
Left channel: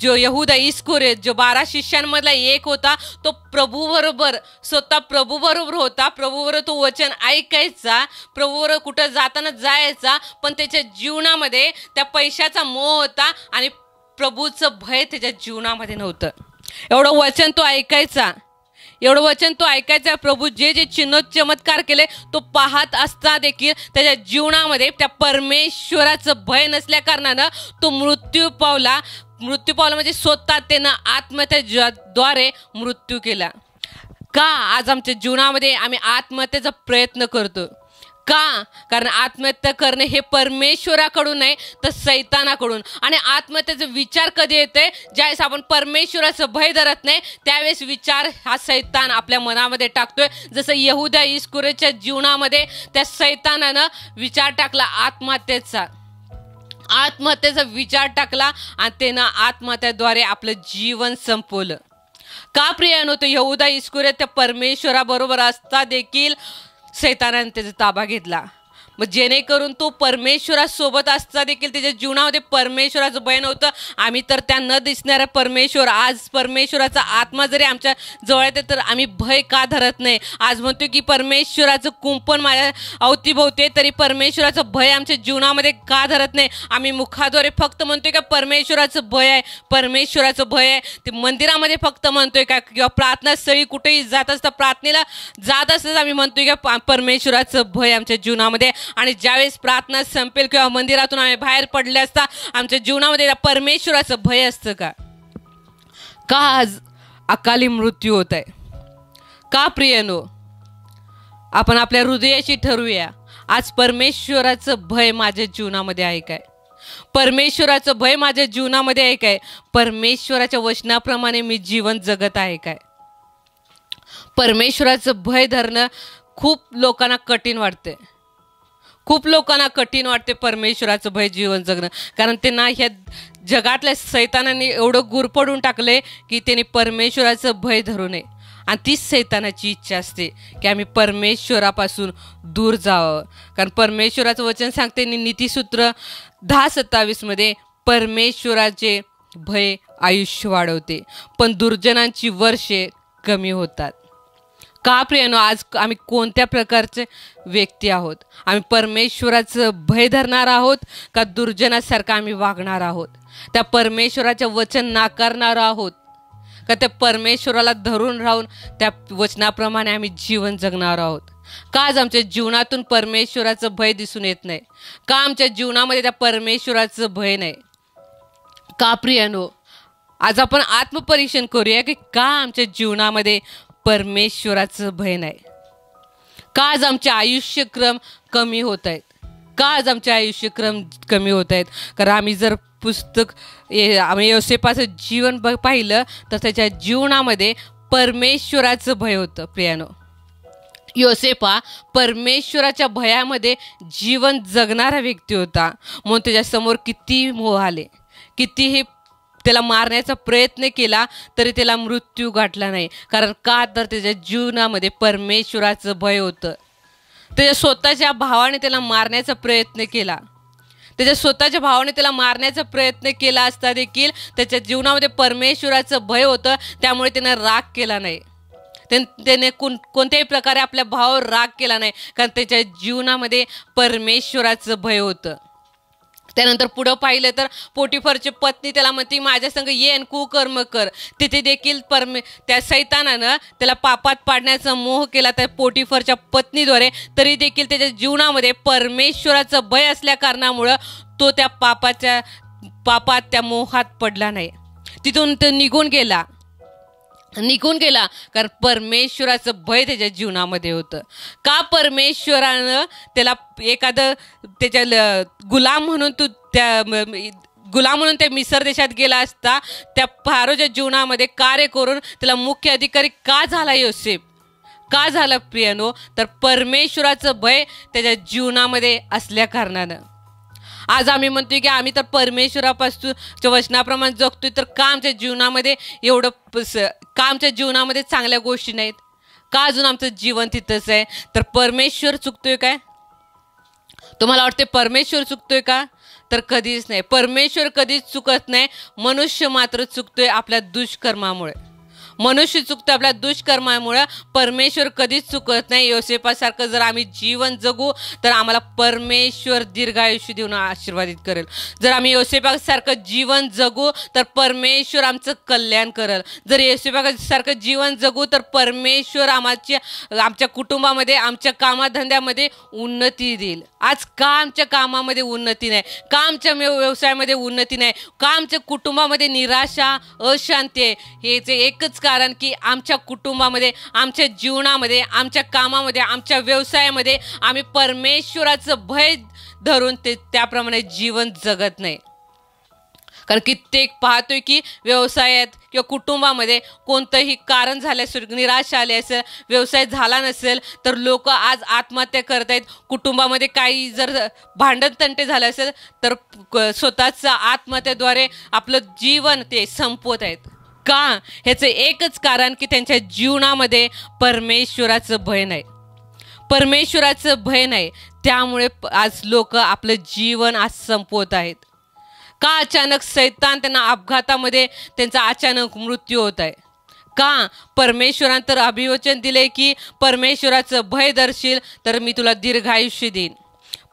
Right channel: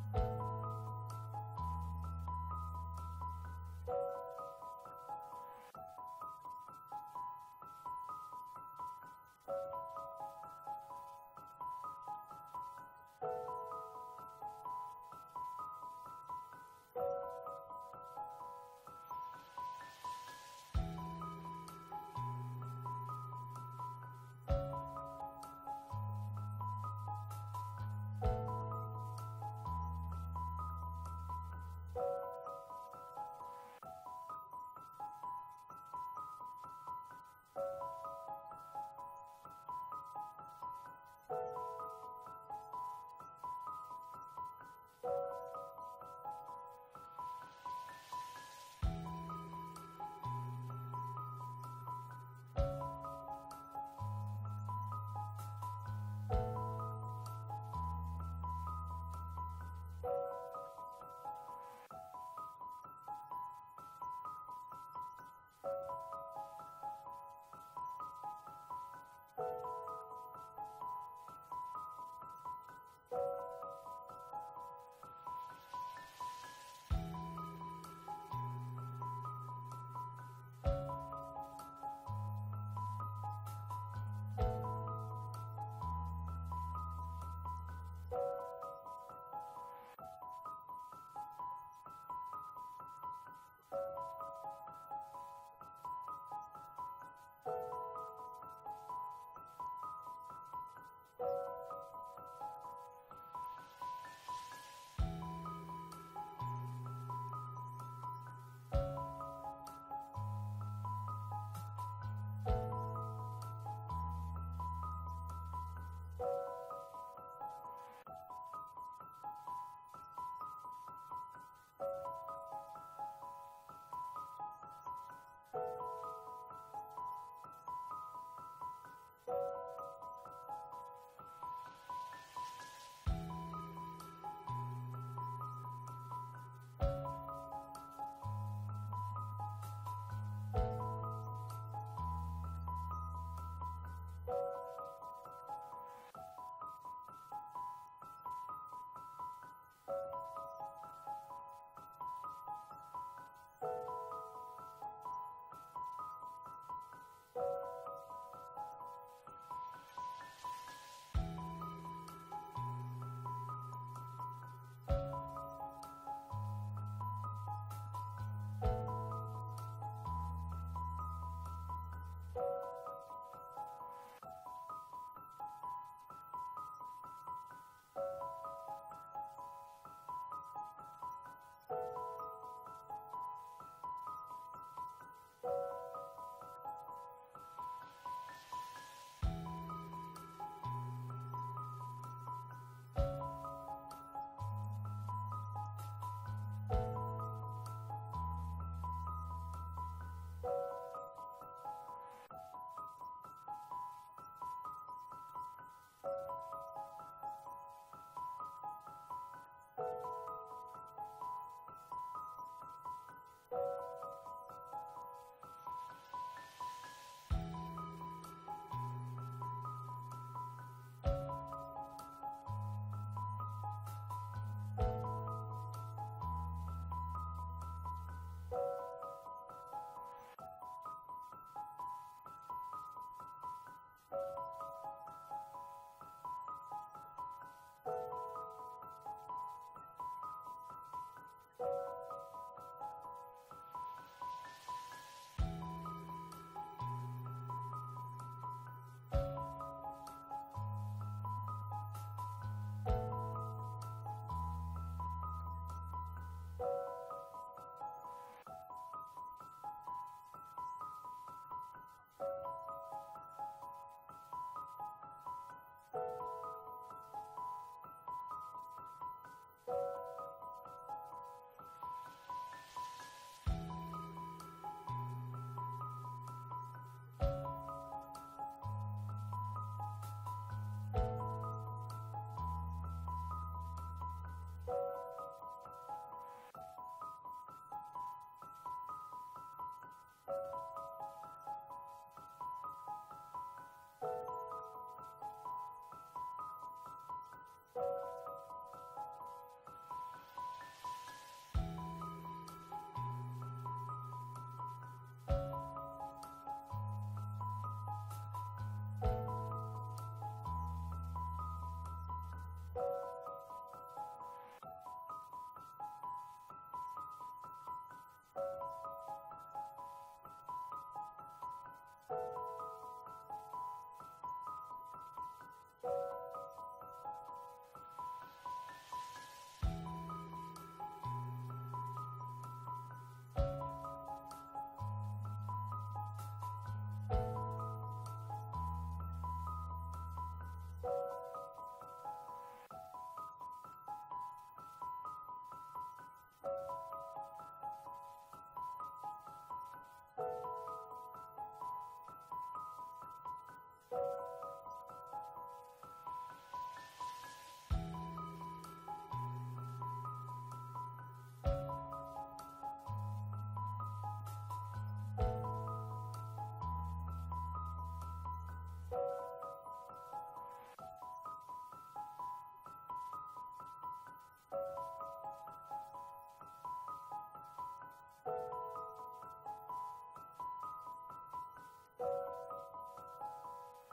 जो यहूदा इस्करियोत जो 12 शिष्यांमधला एक होता, तो प्रभूबरोबर स्वतः प्रभूबरोबर होता. प्रभूबरोबर तो वचन ऐकायचा, प्रभूबरोबर कुठं जाताना जायचा, पण त्याच्या जीवनामध्ये त्या पैशाचा मोह होता आणि प्रभूचं भय त्याच्या जीवनामध्ये नव्हतं. एवढं वचन तो ऐकायचा. प्रभू जे जे चिन्ह चमत्कार केले तो पाहत असता देखील त्याच्या जीवनामध्ये त्या परमेश्वराचं भय नसल्या कारणानं तो मृत्यू पावला म्हणजे स्वतः त्यानं आत्महत्येद्वारे मृत्यू केला. का आज आमच्या जीवनामध्ये आम्ही आत्महत्येचा प्रयत्न करतो? का? कारण आत्महत्या करणे हे परमेश्वराकडून नाही तर सैतानाकडून. आणि आत्महत्येचा विचार कधी येते? ज्यावेळेस आपण परमेश्वराचं भय धरत नाही त्यावेळेस विचार हा सैतान आपल्या मनामध्ये टाकतोय. जसं यहूदा इस्करियोतच्या जीवनामध्ये त्या सैतानानं विचार टाकला आत्महत्येचा विचार टाकला आणि त्यानं आत्महत्येद्वारे आपलं जीवन संपवलं. का प्रियानो? तो यहूदा इस्करियोत त्या परमेश्वराबरोबर असता देखील सैतानाने त्याचा ताबा घेतला. मग जेणेकरून तो परमेश्वरासोबत असता देखील त्याच्या जीवनामध्ये परमेश्वराचं भय नव्हतं. आम्ही तर त्या न दिसणाऱ्या परमेश्वर, आज परमेश्वराचा आत्मा जरी आमच्या जवळ येते तर आम्ही भय का धरत नाही? आज म्हणतो की परमेश्वराचं कुंपण माझ्या अवतीभोवती, तरी परमेश्वराचं भय आमच्या जीवनामध्ये का धरत नाही? आम्ही मुखाद्वारे फक्त म्हणतोय का परमेश्वराचं भय आहे. ते मंदिरामध्ये फक्त म्हणतोय का, किंवा प्रार्थनास्थळी कुठेही जात असता प्रार्थनेला जात असताच आम्ही म्हणतोय का परमेश्वराचं भय आमच्या जीवनामध्ये. आणि ज्यावेळेस प्रार्थना संपेल किंवा मंदिरातून आम्ही बाहेर पडले असता आमच्या जीवनामध्ये परमेश्वराचं भय असतं का? आज अकाली मृत्यू होत आहे? का प्रियनो? आपण आपल्या हृदयाशी ठरवूया, आज परमेश्वराचं भय माझ्या जीवनामध्ये आहे काय? परमेश्वराचं भय माझ्या जीवनामध्ये आहे काय? परमेश्वराच्या वचनाप्रमाणे मी जीवन जगत आहे काय? परमेश्वराचं भय धरणं खूप लोकांना कठीण वाटते. परमेश्वराचं भय जीवन जगणं. कारण त्यांना ह्या जगातल्या सैतानाने एवढं गुरफडून टाकले की त्यांनी परमेश्वराचं भय धरू नये. आणि तीच सैतानाची इच्छा असते की आम्ही परमेश्वरापासून दूर जावं. कारण परमेश्वराचं वचन सांगते नीतिसूत्र 10:27 मध्ये, परमेश्वराचे भय आयुष्य वाढवते पण दुर्जनांची वर्षे कमी होतात. का प्रियनो? आज आम्ही कोणत्या प्रकारचे व्यक्ती आहोत? आम्ही परमेश्वराचं भय धरणार आहोत का दुर्जनासारखं आम्ही वागणार आहोत? त्या परमेश्वराचं वचन नाकारणार आहोत का त्या परमेश्वराला धरून राहून त्या वचनाप्रमाणे आम्ही जीवन जगणार आहोत? का आज आमच्या जीवनातून परमेश्वराचं भय दिसून येत नाही? का आमच्या जीवनामध्ये त्या परमेश्वराचं भय नाही? का प्रियनो? आज आपण आत्मपरीक्षण करूया की का आमच्या जीवनामध्ये परमेश्वराचं भय नाही? का आज आमचे आयुष्यक्रम कमी होत आहेत? कारण आम्ही जर आम्ही योसेफाचं जीवन पाहिलं तर त्याच्या जीवनामध्ये परमेश्वराचं भय होतं. प्रियानो, योसेफा परमेश्वराच्या भयामध्ये जीवन जगणारा व्यक्ती होता. म्हणून त्याच्यासमोर किती मोह आले, कितीही त्याला मारण्याचा प्रयत्न केला तरी त्याला मृत्यू गाठला नाही. कारण का? तर त्याच्या जीवनामध्ये परमेश्वराचं भय होतं. त्याच्या स्वतःच्या भावाने त्याला मारण्याचा प्रयत्न असता देखील त्याच्या जीवनामध्ये परमेश्वराचं भय होतं. त्यामुळे त्याने राग केला नाही. त्याने कोणत्याही प्रकारे आपल्या भावावर राग केला नाही, कारण त्याच्या जीवनामध्ये परमेश्वराचं भय होतं. त्यानंतर पुढं पाहिलं तर पोटिफरची पत्नी त्याला म्हणते माझ्या संग येन कुकर्म कर. तिथे देखील त्या सैतानानं त्याला पापात पाडण्याचा मोह केला त्या पोटिफरच्या पत्नीद्वारे. तरी देखील त्याच्या जीवनामध्ये परमेश्वराचं भय असल्या कारणामुळं तो त्या पापात त्या मोहात पडला नाही. तिथून तो निघून गेला कारण परमेश्वराचं भय त्याच्या जीवनामध्ये होतं. का परमेश्वरानं त्याला एखादं त्याच्या गुलाम म्हणून त्या मिसर देशात गेला असता त्या फारोच्या जीवनामध्ये कार्य करून त्याला मुख्य अधिकारी का झाला योसेफ? का झालं प्रियानो? तर परमेश्वराचं भय त्याच्या जीवनामध्ये असल्या कारणानं. आज आम्ही म्हणतोय की आम्ही तर परमेश्वरापासून वचनाप्रमाणे जगतोय, तर का आमच्या जीवनामध्ये का आमच्या जीवनामध्ये चांगल्या गोष्टी नाहीत? का अजून आमचं जीवन तिथंच आहे? तर परमेश्वर चुकतोय काय? तुम्हाला वाटते परमेश्वर चुकतोय का? तर कधीच नाही. परमेश्वर कधीच चुकत नाही. मनुष्य मात्र चुकतोय आपल्या दुष्कर्मामुळे. मनुष्य चुकतो आपल्या दुष्कर्मामुळे. परमेश्वर कधीच चुकत नाही. योसेफासारखं जर आम्ही जीवन जगू तर आम्हाला परमेश्वर दीर्घायुष्य देऊन आशीर्वादित करेल. जर आम्ही योसेफासारखं जीवन जगू तर परमेश्वर आमचं कल्याण करेल. जर योसेफासारखं जीवन जगू तर परमेश्वर आमच्या कुटुंबामध्ये, आमच्या कामाधंद्यामध्ये उन्नती देईल. आज का आमच्या कामामध्ये उन्नती नाही? का आमच्या व्यवसायामध्ये उन्नती नाही? का आमच्या कुटुंबामध्ये निराशा, अशांती आहे? हेचे एकच कारण की आमच्या कुटुंबामध्ये, आमच्या जीवनामध्ये, आमच्या कामामध्ये, आमच्या व्यवसायामध्ये आम्ही परमेश्वराचं भय धरून त्याप्रमाणे जीवन जगत नाही. कारण कित्येक पाहतोय की व्यवसायात किंवा कुटुंबामध्ये कोणतंही कारण झालं असेल, निराशा आली असेल, व्यवसाय झाला नसेल तर लोक आज आत्महत्या करत आहेत. कुटुंबामध्ये काही जर भांडण तंटे झालं असेल तर स्वतःचं आत्महत्येद्वारे आपलं जीवन ते संपवत आहेत. का? ह्याचं एकच कारण की त्यांच्या जीवनामध्ये परमेश्वराचं भय नाही. परमेश्वराचं भय नाही, त्यामुळे आज लोक आपलं जीवन आज संपवत आहेत. का? अचानक सैतान त्यांना अपघातामध्ये त्यांचा अचानक मृत्यू होत आहे. का? परमेश्वरानं तर अभिवचन दिले की परमेश्वराचं भय धरशील तर मी तुला दीर्घायुष्य देईन.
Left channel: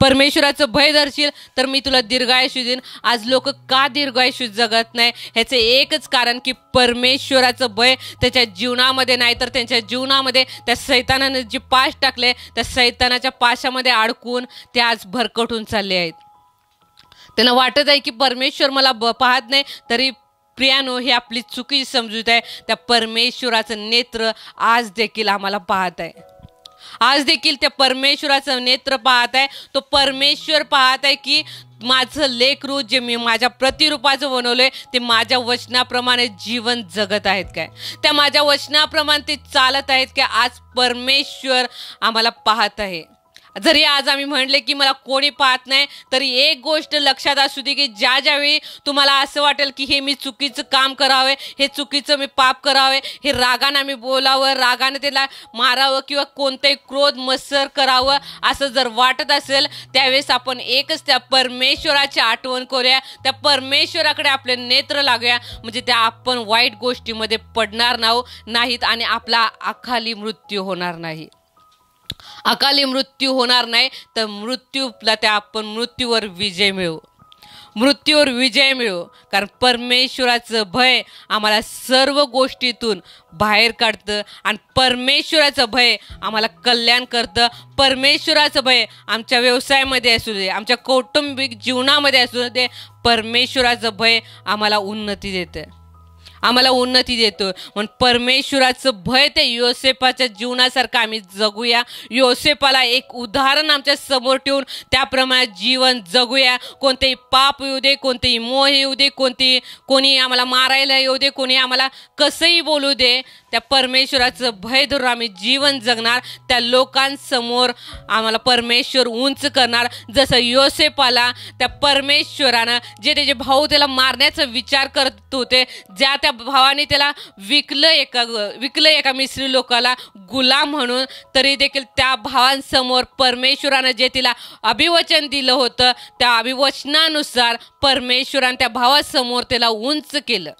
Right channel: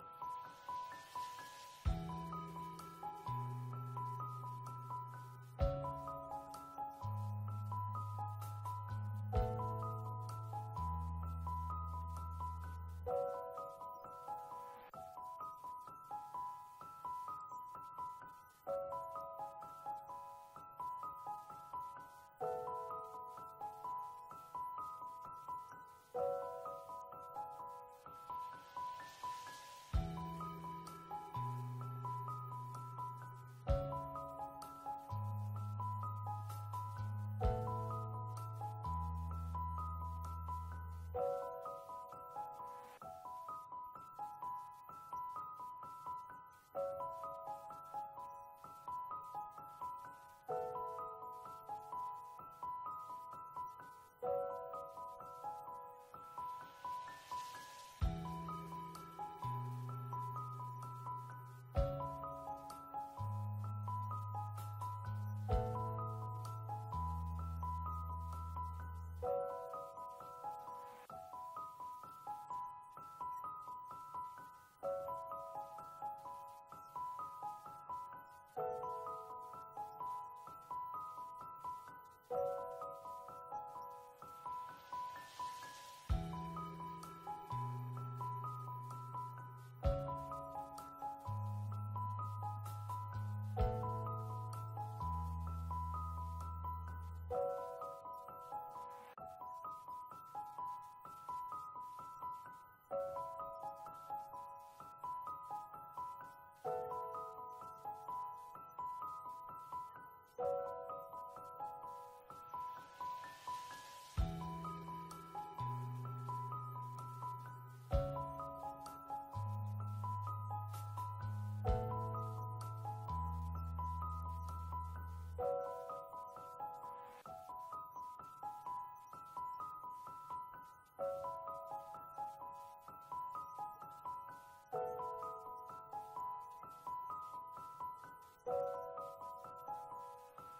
परमेश्वराचं भय धरशील तर मी तुला दीर्घायुष्य देईन. आज लोक का दीर्घायुष्य जगत नाही? ह्याचे एकच कारण की परमेश्वराचं भय त्याच्या जीवनामध्ये नाही, तर त्यांच्या जीवनामध्ये त्या सैतानाने जे पाश टाकले त्या सैतानाच्या पाशामध्ये अडकून ते आज भरकटून चालले आहेत. त्यांना वाटत आहे की परमेश्वर मला पाहत नाही. तरी प्रियानो, ही आपली चुकीची समजूत आहे. त्या परमेश्वराचं नेत्र आज देखील आम्हाला पाहत आहे. आज देखील त्या परमेश्वराचं नेत्र पाहत आहे. तो परमेश्वर पाहत आहे की माझं लेकरू जे मी माझ्या प्रतिरूपाचं बनवलंय ते माझ्या वचनाप्रमाणे जीवन जगत आहेत काय? त्या माझ्या वचनाप्रमाणे ते चालत आहेत की? आज परमेश्वर आम्हाला पाहत आहे. जरी आज आम्ही म्हणले की मला कोणी पाहत नाही, तरी एक गोष्ट लक्षात असू दे की ज्यावेळी तुम्हाला असं वाटेल की हे मी चुकीचं काम करावे, हे चुकीचं मी पाप करावे, हे रागानं मी बोलावं, रागानं त्याला मारावं किंवा कोणतंही क्रोध मत्सर करावं असं जर वाटत असेल, त्यावेळेस आपण एकच त्या परमेश्वराची आठवण करूया. त्या परमेश्वराकडे आपले नेत्र लागूया, म्हणजे त्या आपण वाईट गोष्टीमध्ये पडणार नाहीत आणि आपला अकाली मृत्यू होणार नाही. अकाली मृत्यू होणार नाही तर आपण मृत्यूवर विजय मिळवू. कारण परमेश्वराचं भय आम्हाला सर्व गोष्टीतून बाहेर काढतं आणि परमेश्वराचं भय आम्हाला कल्याण करतं. परमेश्वराचं भय आमच्या व्यवसायामध्ये असू दे, आमच्या कौटुंबिक जीवनामध्ये असू दे, परमेश्वराचं भय आम्हाला उन्नती देतं. म्हणून परमेश्वराचं भय ते योसेफाच्या जीवनासारखं आम्ही जगूया. योसेफाला एक उदाहरण आमच्या समोर ठेवून त्याप्रमाणे जीवन जगूया. कोणतेही पाप येऊ दे, कोणतेही मोह येऊ दे, कोणी आम्हाला मारायला येऊ दे, कोणी आम्हाला कसंही बोलू दे, त्या परमेश्वराचं भय धरून आम्ही जीवन जगणार. त्या लोकांसमोर आम्हाला परमेश्वर उंच करणार. जसं योसेफाला त्या परमेश्वरानं जे त्याचे भाऊ त्याला मारण्याचा विचार करत होते, त्या भावाने त्याला विकलं एका मिस्री लोकाला गुलाम म्हणून, तरी देखील त्या भावांसमोर परमेश्वरानं जे तिला अभिवचन दिलं होतं त्या अभिवचनानुसार परमेश्वरानं त्या भावासमोर त्याला उंच केलं.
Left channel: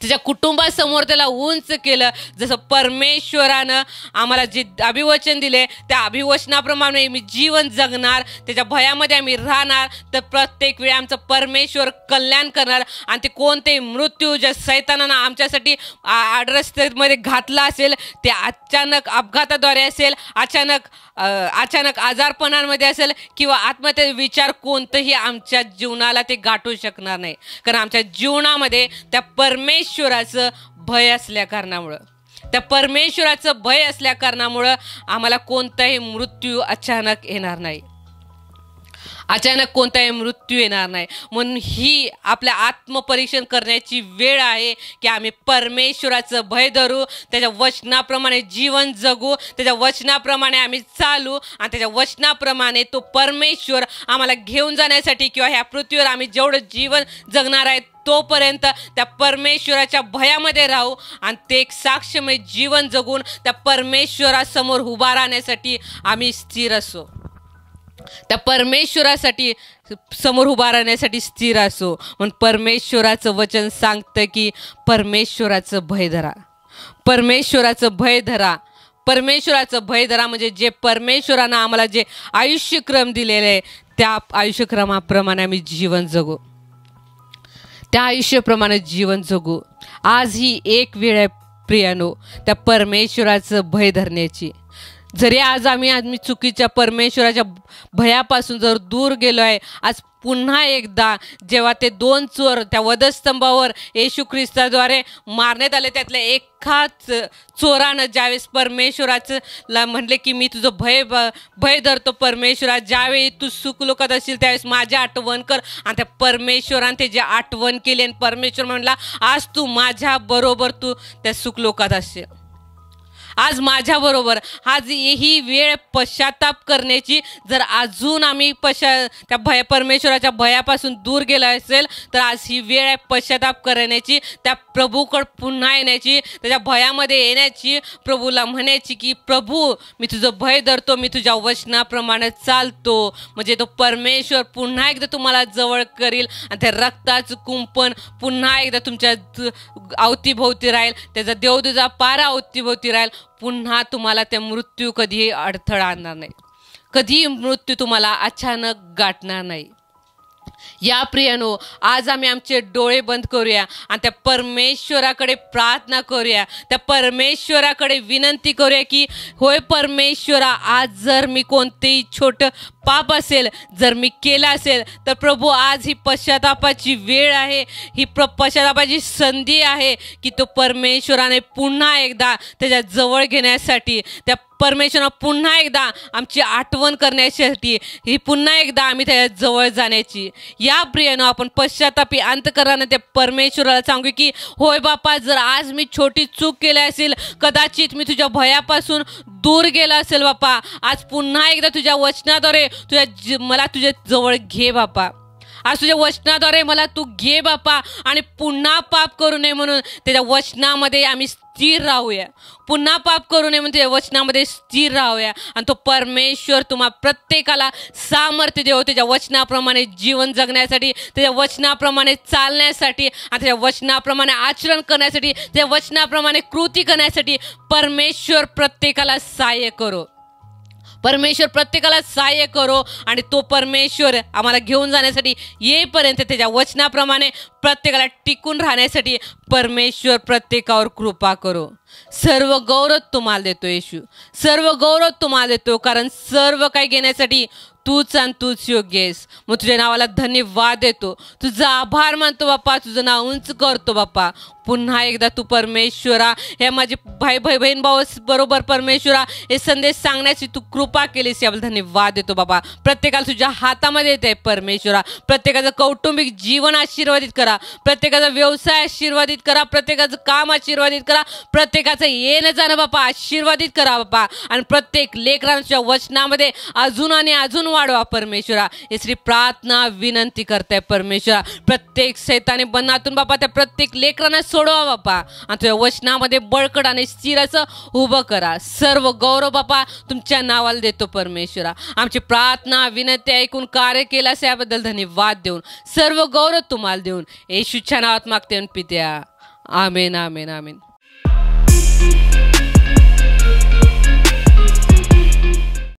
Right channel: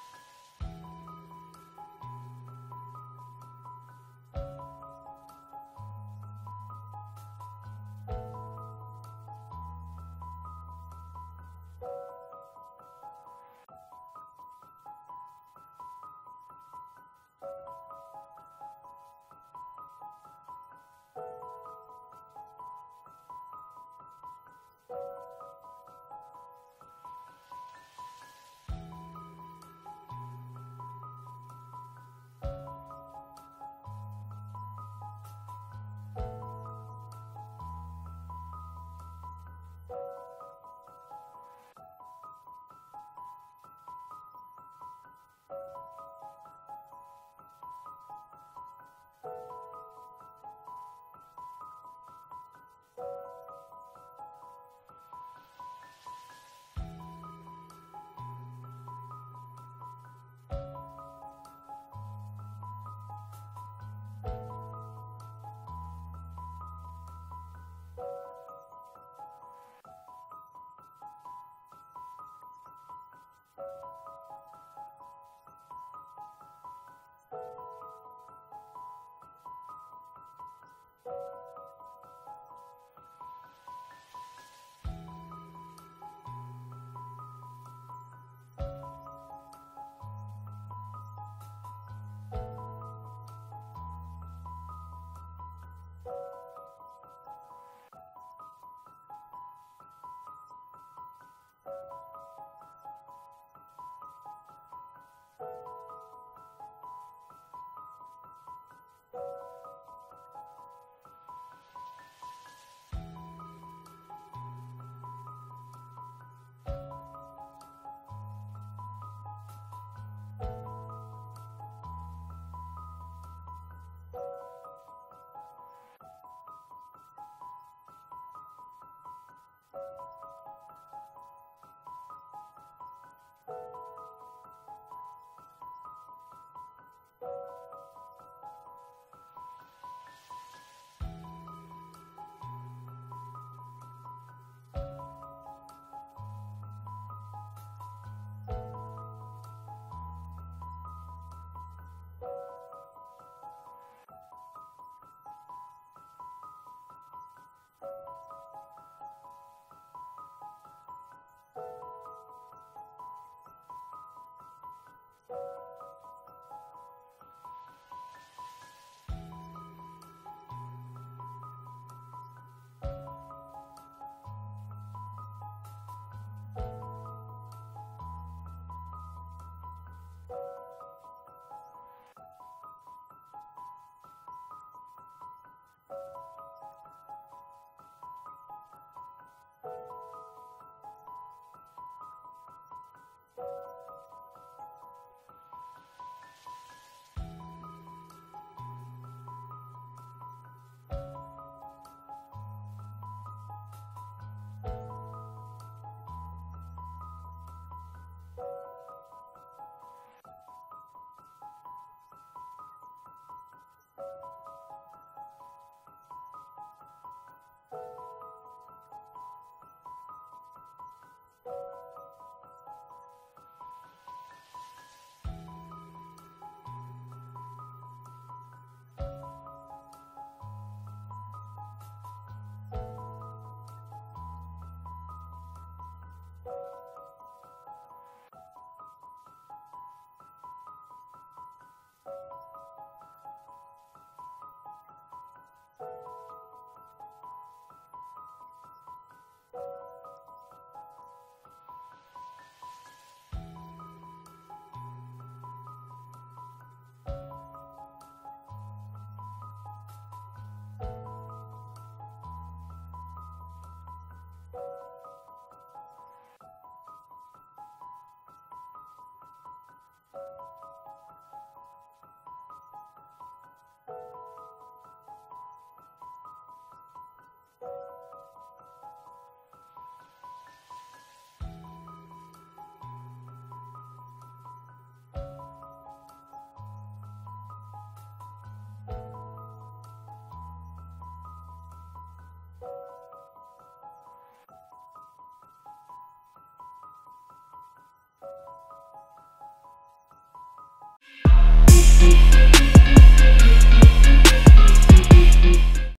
त्याच्या कुटुंबासमोर त्याला उंच केलं. जसं परमेश्वरानं आम्हाला जे अभिवचन दिले त्या अभिवचनाप्रमाणे मी जीवन जगणार, त्याच्या भयामध्ये आम्ही राहणार, तर प्रत्येक वेळी आमचं परमेश्वर कल्याण करणार. आणि ते कोणतेही मृत्यू ज्या सैतानानं आमच्यासाठी आडरस्त्यामध्ये घातला असेल, ते अचानक अपघाताद्वारे असेल, अचानक आजारपणामध्ये असेल किंवा आत्महत्या विचार, कोणतंही आमच्या जीवनाला ते गाठू शकणार नाही. कारण आमच्या जीवनामध्ये त्या परमेश्वराचं भय असल्या कारणामुळं आम्हाला कोणताही मृत्यू अचानक येणार नाही. म्हणून ही आपल्या आत्मपरीक्षण करण्याची वेळ आहे की आम्ही परमेश्वराचं भय धरू, त्याच्या वचनाप्रमाणे जीवन जगू, त्याच्या वचनाप्रमाणे आम्ही चालू आणि त्याच्या वचनाप्रमाणे तो परमेश्वर आम्हाला घेऊन जाण्यासाठी किंवा ह्या पृथ्वीवर आम्ही जेवढं जीवन जगणार आहे तोपर्यंत त्या परमेश्वराच्या भयामध्ये राहू आणि ते एक साक्षमय जीवन जगून त्या परमेश्वरासमोर उभा राहण्यासाठी आम्ही स्थिर असो. त्या परमेश्वरासाठी समोर उभा राहण्यासाठी स्थिर असो. म्हणून परमेश्वराचं वचन सांगतं की परमेश्वराचं भय धरा. म्हणजे जे परमेश्वरानं आम्हाला जे आयुष्यक्रम दिलेले आहे त्या आयुष्यक्रमाप्रमाणे आम्ही जीवन जगू. आज ही एक वेळ आहे प्रियानो त्या परमेश्वराचं भय धरण्याची. जरी आज आम्ही चुकीच्या परमेश्वराच्या भयापासून जर दूर गेलो आहे, आज पुन्हा एकदा जेव्हा ते 2 चोर त्या वधस्तंभावर येशू ख्रिस्ताद्वारे मारण्यात आले, त्यातल्या एकाच चोरानं ज्यावेळेस परमेश्वराचं म्हणले की मी तुझं भय धरतो परमेश्वरा, ज्यावेळी तू सुखलोकात असशील त्यावेळेस माझी आठवण कर. आणि त्या परमेश्वराने त्याची आठवण केली आणि परमेश्वर म्हणला आज तू माझ्या बरोबर तू त्या सुखलोकात असशील. आज माझ्याबरोबर आज ही वेळ पश्चाताप करण्याची. जर अजून आम्ही त्या परमेश्वराच्या भयापासून दूर गेला असेल तर आज ही वेळ आहे पश्चाताप करण्याची, त्या प्रभूकडे पुन्हा येण्याची, त्याच्या भयामध्ये येण्याची, प्रभूला म्हणायची की प्रभू मी तुझं भय धरतो, मी तुझ्या वचनाप्रमाणे चालतो. म्हणजे तो परमेश्वर पुन्हा एकदा तुम्हाला जवळ करील आणि त्या रक्ताचं कुंपण पुन्हा एकदा तुमच्या अवतीभोवती राहील, त्याचा देवदूजा पारा अवतीभोवती राहील. पुन्हा तुम्हाला त्या मृत्यू कधीही अडथळा आणणार नाही, कधीही मृत्यू तुम्हाला अचानक गाठणार नाही. या प्रियानो आज आम्ही आमचे डोळे बंद करूया आणि त्या परमेश्वराकडे प्रार्थना करूया, त्या परमेश्वराकडे विनंती करूया की होय परमेश्वरा, आज जर मी कोणतेही छोटं पाप असेल जर मी केलं असेल तर प्रभू आज ही पश्चातापाची वेळ आहे, ही पश्चातापाची संधी आहे की तो परमेश्वराने पुन्हा एकदा त्याच्या जवळ घेण्यासाठी, त्या परमेश्वरानं पुन्हा एकदा आमची आठवण करण्यासाठी, ही पुन्हा एकदा आम्ही त्याच्या जवळ जाण्याची. या प्रियानो आपण पश्चातापी अंतकरणाने त्या परमेश्वराला सांगू की होय बापा, जर आज मी छोटी चूक केली असेल, कदाचित मी तुझ्या भयापासून दूर गेला असेल बापा, आज पुन्हा एकदा तुझ्या वचनाद्वारे मला तुझ्या जवळ घे बापा. आज तुझ्या वचनाद्वारे मला तू घे बापा आणि पुन्हा पाप करू नये म्हणून त्याच्या वचनामध्ये आम्ही स्थिर राहूया. पुन्हा पाप करू नये म्हणून त्याच्या वचनामध्ये स्थिर राहूया आणि तो परमेश्वर तुम्हा प्रत्येकाला सामर्थ्य देव त्याच्या वचनाप्रमाणे जीवन जगण्यासाठी, त्याच्या वचनाप्रमाणे चालण्यासाठी आणि त्याच्या वचनाप्रमाणे आचरण करण्यासाठी, त्याच्या वचनाप्रमाणे कृती करण्यासाठी परमेश्वर प्रत्येकाला सहाय्य करो. परमेश्वर प्रत्येकाला सहाय्य करो आणि तो परमेश्वर आम्हाला घेऊन जाण्यासाठी येईपर्यंत त्याच्या वचनाप्रमाणे प्रत्येकाला टिकून राहण्यासाठी परमेश्वर प्रत्येकावर कृपा करो. सर्व गौरव तुम्हाला देतो येशू, सर्व गौरव तुम्हाला देतो, कारण सर्व काही घेण्यासाठी तूच आणि तूच योग्य आहेस. मग तुझ्या नावाला धन्यवाद देतो, तुझा आभार मानतो बाप्पा, तुझं नाव उंच करतो बाप्पा. पुन्हा एकदा तू परमेश्वरा हे माझे भाई बहीण भाऊ बरोबर परमेश्वरा हे संदेश सांगण्याची तू कृपा केलीस, याबद्दल धन्यवाद देतो बाबा. प्रत्येकाला तुझ्या हातामध्ये येते परमेश्वरा. प्रत्येकाचं कौटुंबिक जीवन आशीर्वादित करा, प्रत्येकाचा व्यवसाय आशीर्वादित करा, प्रत्येकाचं काम आशीर्वादित करा, प्रत्येकाचं येणं जाणं बापा आशीर्वादित करा बापा. आणि प्रत्येक लेकरांच्या वचनामध्ये अजून आणि अजून वाढवा परमेश्वरा. ही श्री प्रार्थना विनंती करताय परमेश्वरा. प्रत्येक शैतानी बंधनातून बापा त्या प्रत्येक लेकरांना सोडवा बापा आणि तुझ्या वचनामध्ये बळकट आणि स्थिर असं उभं करा. सर्व गौरव बापा तुमच्या नावाला देतो परमेश्वरा. आमची प्रार्थना विनंती ऐकून कार्य केल्यास याबद्दल धन्यवाद देऊन सर्व गौरव तुम्हाला देऊन येशूच्या नावात मागते पित्या, आमेन, आमेन, आमेन.